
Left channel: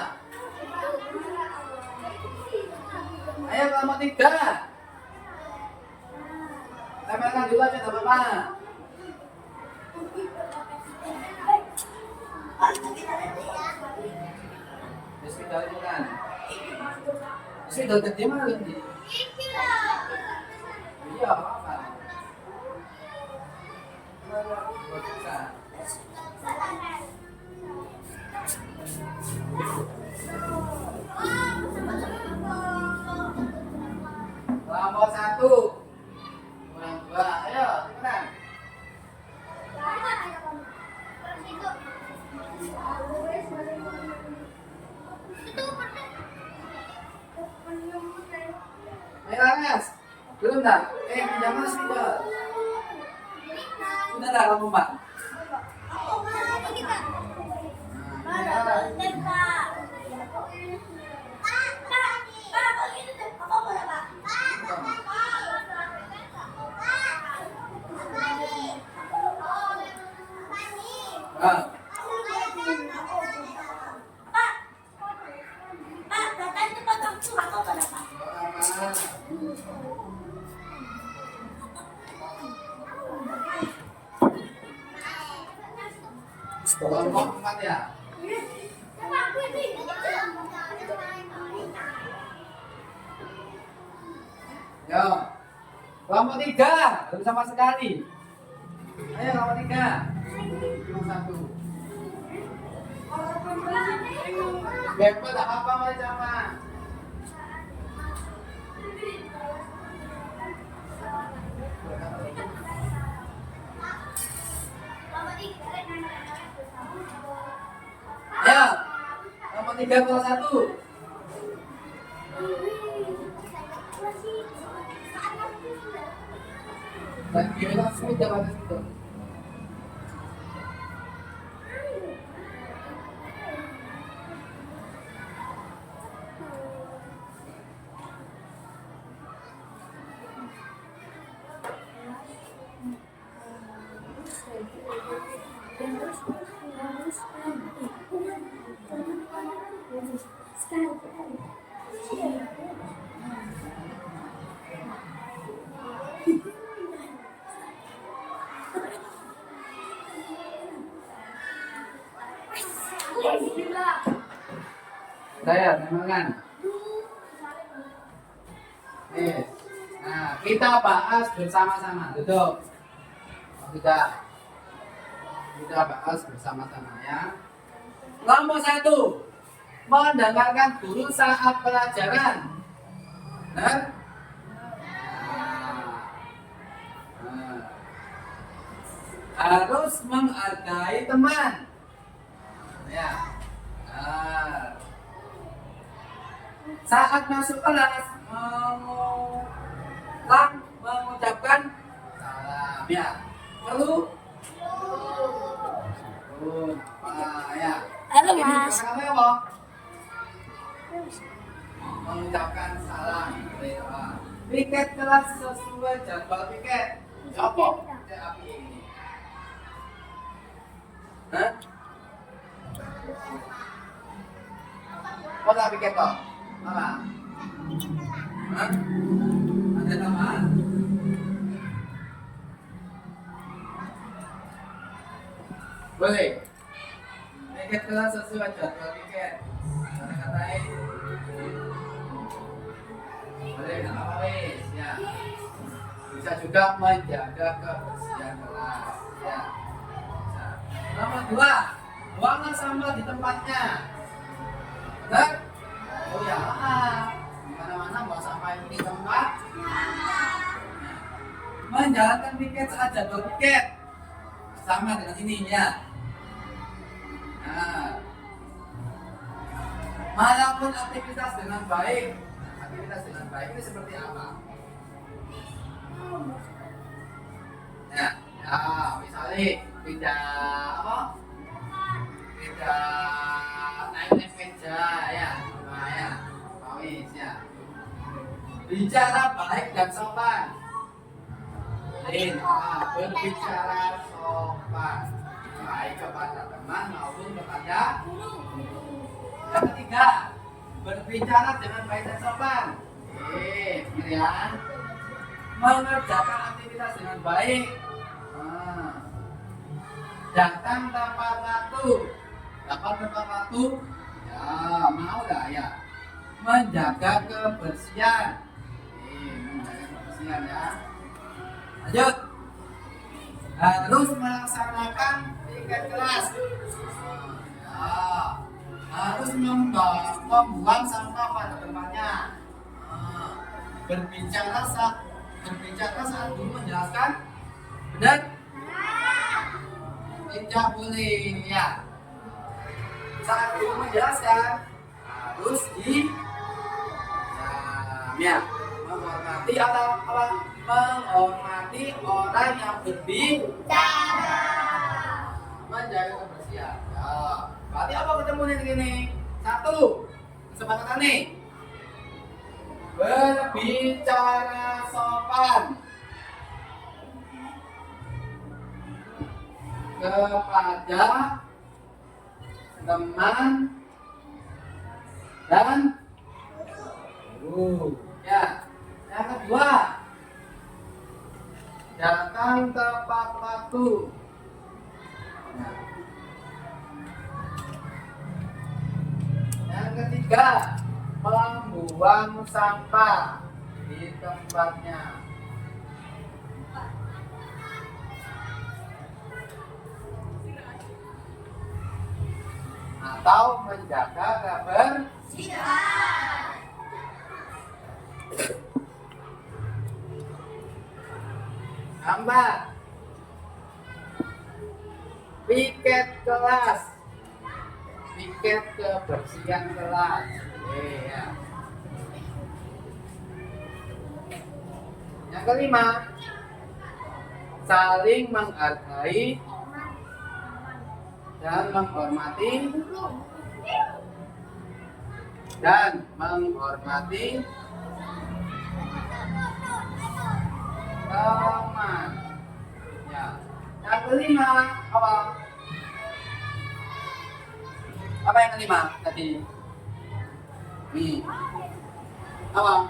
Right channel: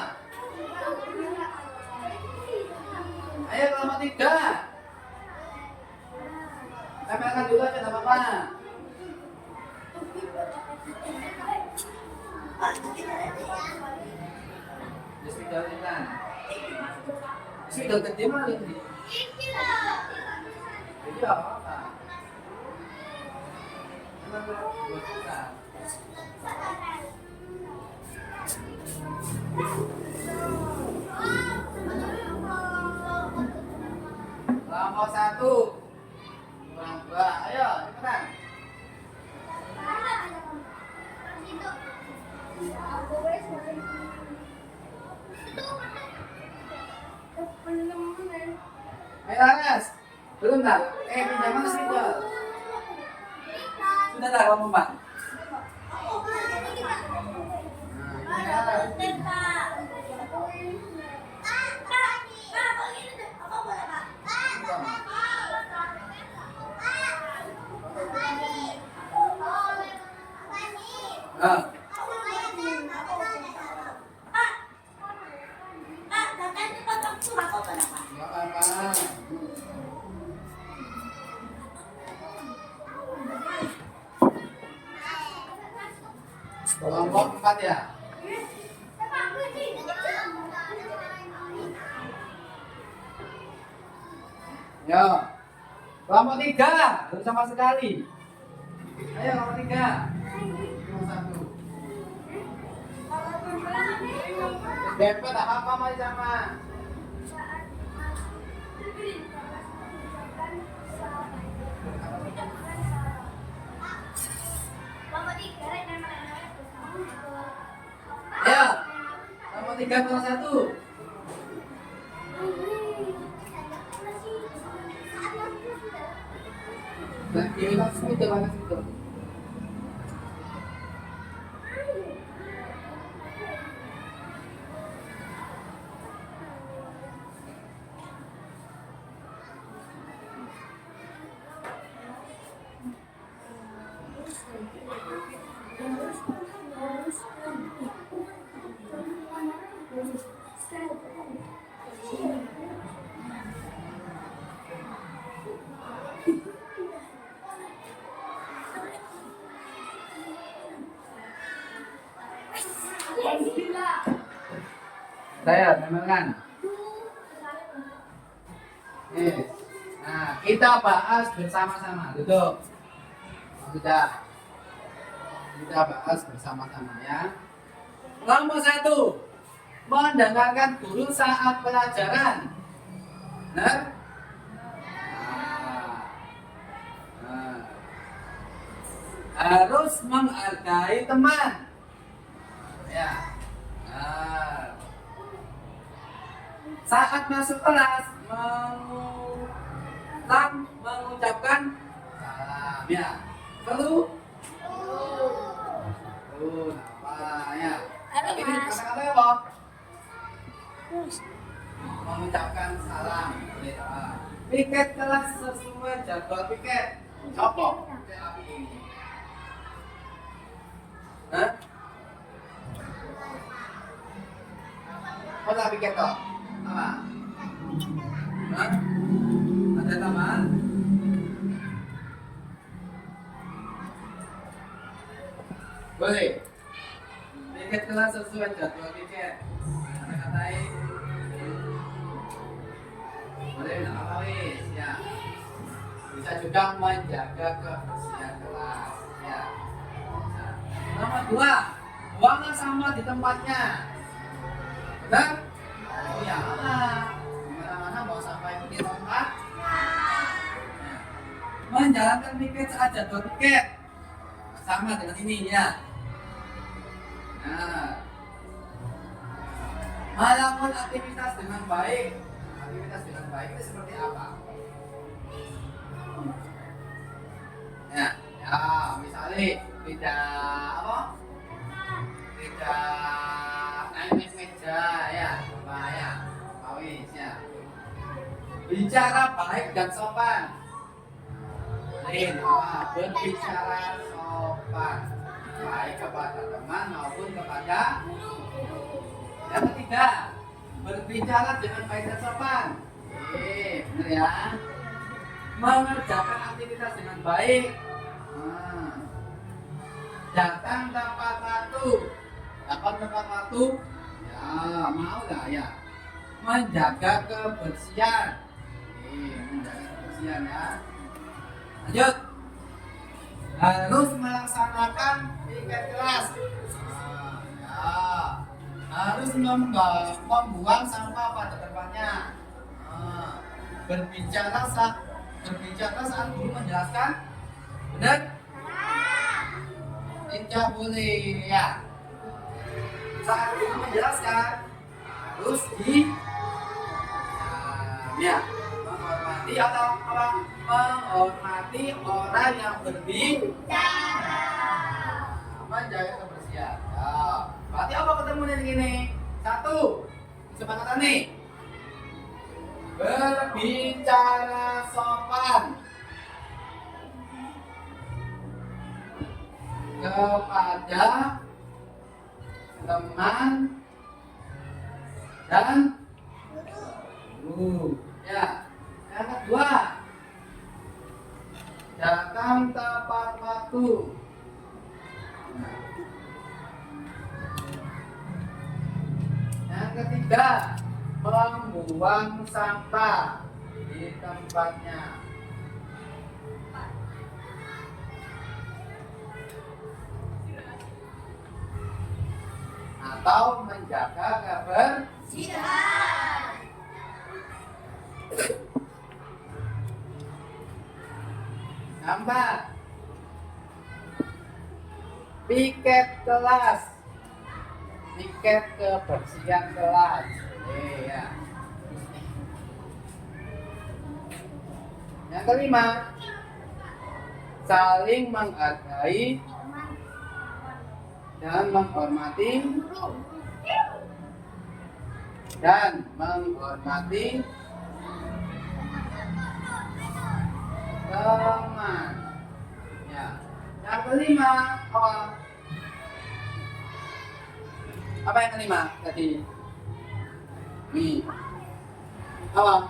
Ayo kelompok 3. Tempelkan dulu aja, nggak apa-apa. Sudah ini kan. Sudah gede mana ini? Iya, apa? Kelompok 1 kurang 2, ayo cepetan. Ayo Laras, belum dah? Pinjam mana spidol? Sudah dah kamu Pak? Kelompok 4 ya? Yo, kelompok 3 belum sama sekali. Ayo kelompok 3. Kelompok 1. Bepot tak apa masih sama. Ya, nomor 3 kelas 1. Dan dia langsung jalan situ. diamalkan. Nah, kita bahas bersama-sama. Duduk. Sudah. Kita bahas bersama-sama ya. Nomor 1, mendengarkan guru saat pelajaran. Benar? Nah. Harus menghargai teman. Ya. Nah. Saat masuk kelas mengucapkan salam ya. Perlu apa ya? Ini kata-kata apa? Mengucapkan salam. Piket kelas sesuai jadwal piket. Apa? ini. Hah? Apa piket kok? Apa? Hah? Ada teman? Boleh. Piket kelas sesuai jadwal piket. Kata-katain. Boleh, apa wis ya. Bisa juga menjaga kebersihan kelas ya. Nomor 2, buanglah sampah di tempatnya. Benar? Oh ya, mana-mana mau sampah itu di tempat. Menjalankan piket saat jadwal piket sama dengan ini ya. Nah, melakukan aktivitas dengan baik. Aktivitas dengan baik itu seperti apa? Ya, misalnya tidak apa? Tidak naik meja ya, ya, wis ya. Bicara baik dan sopan. Berbicara sopan baik kepada teman maupun kepada yang ketiga, berbicara dengan baik dan sopan. Benar ya. Mengerjakan aktivitas dengan baik. Datang tepat waktu. Datang tepat waktu. Ya, mau lah ya. Menjaga kebersihan. Menjaga kebersihan ya. Lanjut. Harus melaksanakan piket kelas. Harus membuang sampah pada tempatnya. Berbicara saat guru menjelaskan. Benar? Tidak boleh ya. Saat guru menjelaskan harus ya, menghormati atau apa? Menghormati orang yang berbicara. Menjaga kebersihan. Ya. Berarti apa ketemunya di sini? 1, kesepakatan nih. Berbicara sopan kepada teman dan guru. Ya. Yang kedua, datang tepat waktu. Yang ketiga, membuang sampah di tempatnya. Atau menjaga kebersihan. Tambah piket kelas, piket kebersihan kelas. Ya. Yang kelima, saling menghargai dan menghormati teman. Ya. Yang kelima apa? Apa yang kelima tadi? Nih. Apa?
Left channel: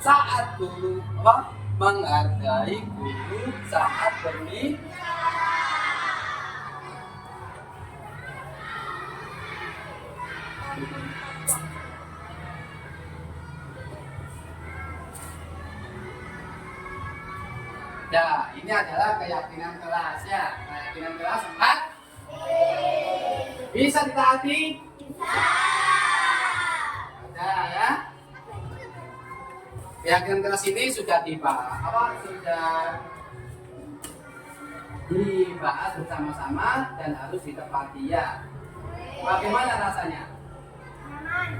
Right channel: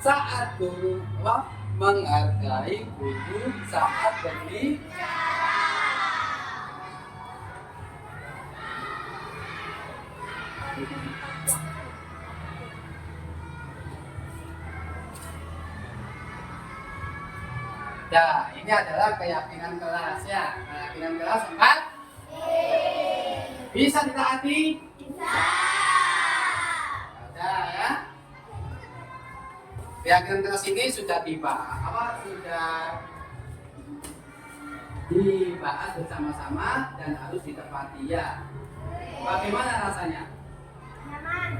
Saat guru apa? Menghargai guru saat berbicara. Ya, ini adalah keyakinan kelas ya. Keyakinan kelas 4. Bisa ditaati? Bisa. Nah, ya. Keyakinan kelas ini sudah dibahas bersama-sama dan harus ditepati ya. Bagaimana rasanya?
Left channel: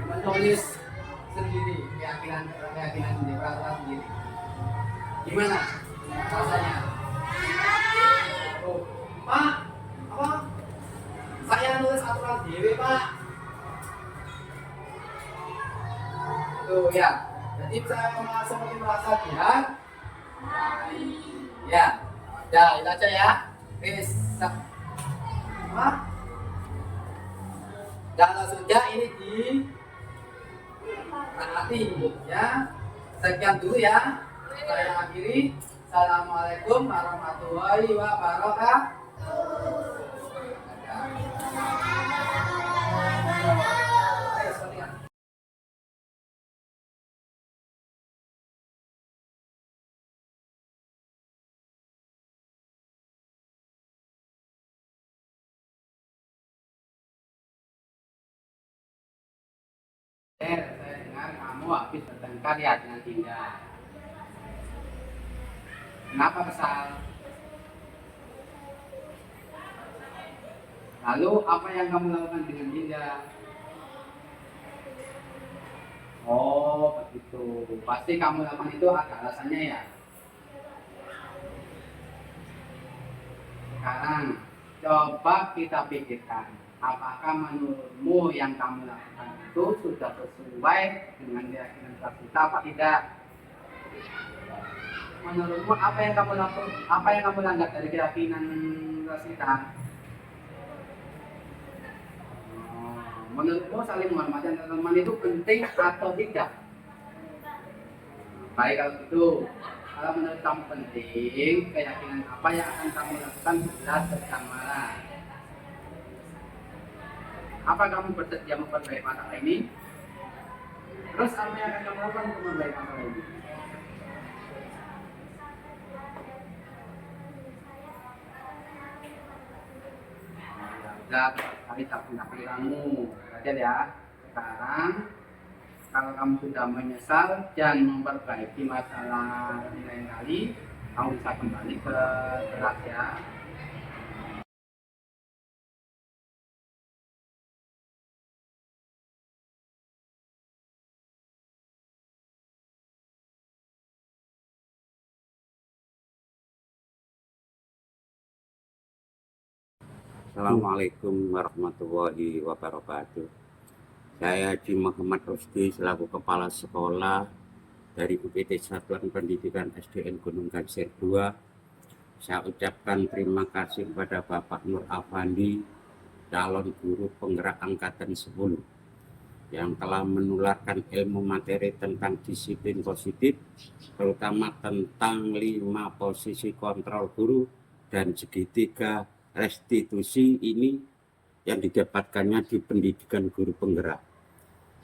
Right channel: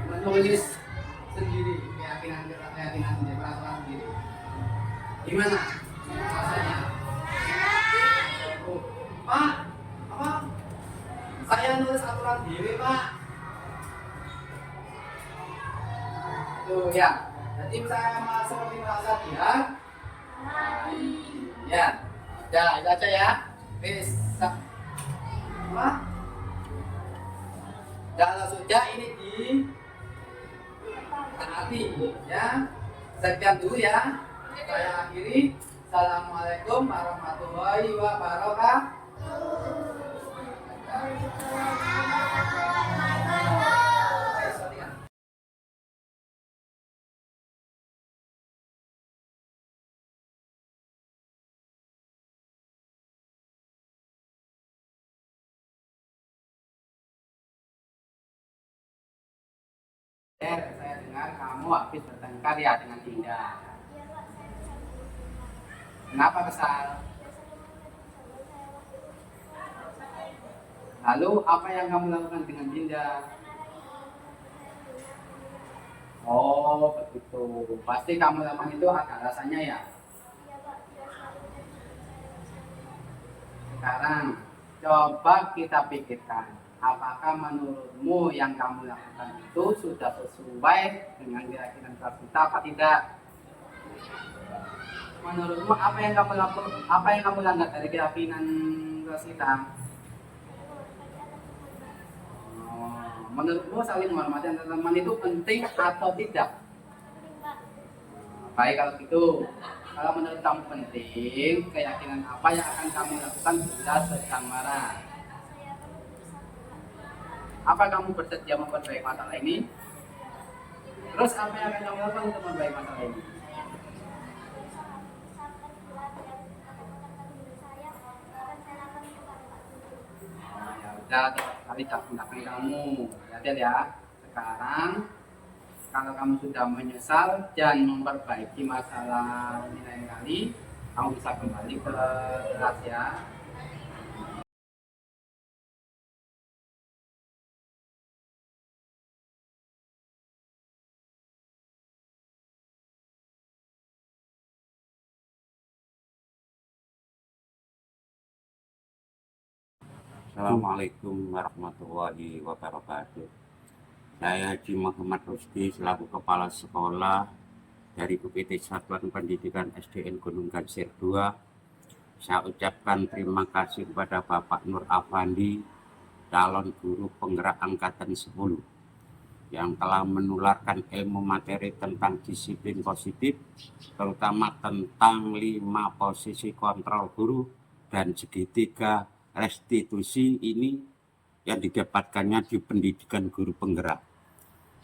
Menulis sendiri keyakinan sendiri, perasaan sendiri. Gimana rasanya? Oh, Pak, apa? Saya nulis aturan diri, Pak. Tuh ya. Jadi saya seperti merasa dia. Ya, ya itu aja ya. Bisa. Apa? Dan langsung aja ini di taati ya. Sekian dulu ya. Saya akhiri. Assalamualaikum warahmatullahi wabarakatuh. Saya dengar kamu habis bertengkar ya dengan Dinda. Kenapa kesal? Lalu apa yang kamu lakukan dengan Dinda? Oh begitu. Pasti kamu lakukan itu ada alasannya ya. Sekarang coba kita pikirkan, apakah menurutmu yang kamu lakukan itu sudah sesuai dengan keyakinan kita apa tidak? Menurutmu apa yang kamu lakukan, apa yang kamu langgar dari keyakinan kita? Menurutmu saling menghormati antar teman itu penting atau tidak? Baik kalau gitu. Kalau menurut kamu penting, keyakinan apa yang akan kamu lakukan jelas dan marah? Apa kamu bersedia memperbaiki masalah ini? Terus apa yang akan kamu lakukan untuk memperbaiki masalah ini? Ya udah, kali tak gunakan kamu. Lihat ya. Sekarang kalau kamu sudah menyesal dan memperbaiki masalah lain kali, kamu bisa kembali ke kelas ya. Assalamualaikum warahmatullahi wabarakatuh. Saya Haji Muhammad Rusdi selaku Kepala Sekolah dari UPT Satuan Pendidikan SDN Gunung Gajser 2. Saya ucapkan terima kasih kepada Bapak Nur Afandi, calon guru penggerak angkatan 10, yang telah menularkan ilmu materi tentang disiplin positif, terutama tentang 5 posisi kontrol guru dan segitiga restitusi ini yang didapatkannya di pendidikan guru penggerak.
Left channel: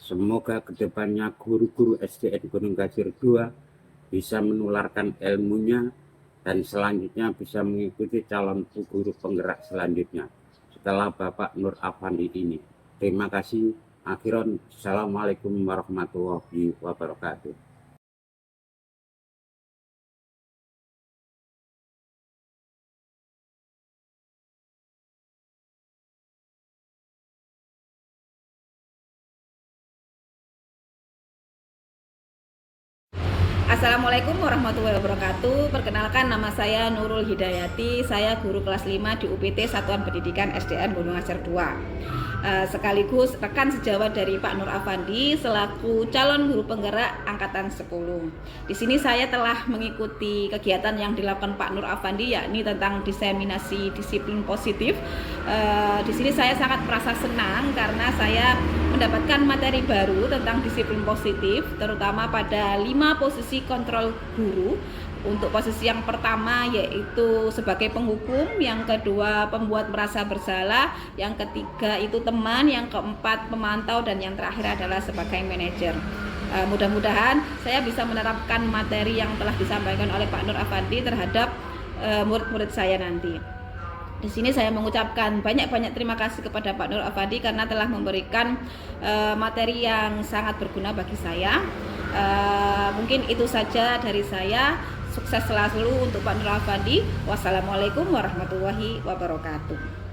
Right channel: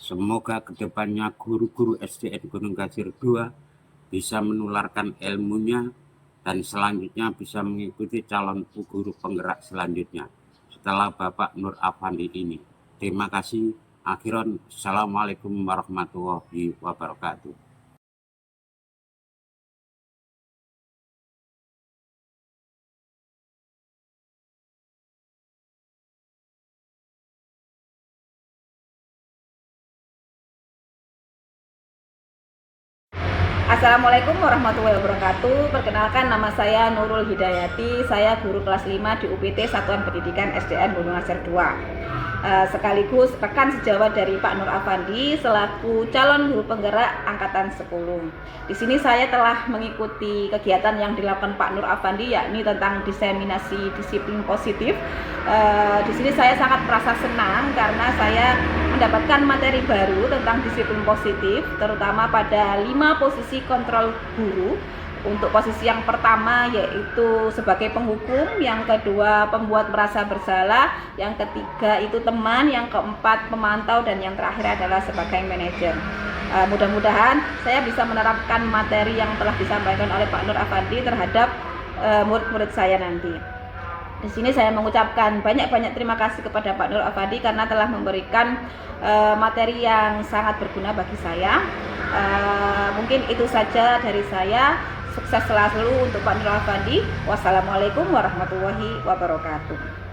Semoga kedepannya guru-guru SDN Gunung Gajser 2 bisa menularkan ilmunya dan selanjutnya bisa mengikuti calon guru penggerak selanjutnya setelah Bapak Nur Afandi ini. Terima kasih. Akhiran, Assalamualaikum warahmatullahi wabarakatuh. Assalamualaikum warahmatullahi wabarakatuh. Perkenalkan, nama saya Nurul Hidayati. Saya guru kelas 5 di UPT Satuan Pendidikan SDN Gunung Gajser 2. Sekaligus rekan sejawat dari Pak Nur Afandi selaku calon guru penggerak angkatan 10. Di sini saya telah mengikuti kegiatan yang dilakukan Pak Nur Afandi, yakni tentang diseminasi disiplin positif. Di sini saya sangat merasa senang karena saya mendapatkan materi baru tentang disiplin positif, terutama pada 5 posisi kontrol guru. Untuk posisi yang pertama yaitu sebagai penghukum, yang kedua pembuat merasa bersalah, yang ketiga itu teman, yang keempat pemantau, dan yang terakhir adalah sebagai manajer. Mudah-mudahan saya bisa menerapkan materi yang telah disampaikan oleh Pak Nur Afandi terhadap murid-murid saya nanti. Di sini saya mengucapkan banyak-banyak terima kasih kepada Pak Nur Afandi karena telah memberikan materi yang sangat berguna bagi saya. Mungkin itu saja dari saya. Sukses selalu untuk Pak Nur Afandi. Wassalamualaikum warahmatullahi wabarakatuh.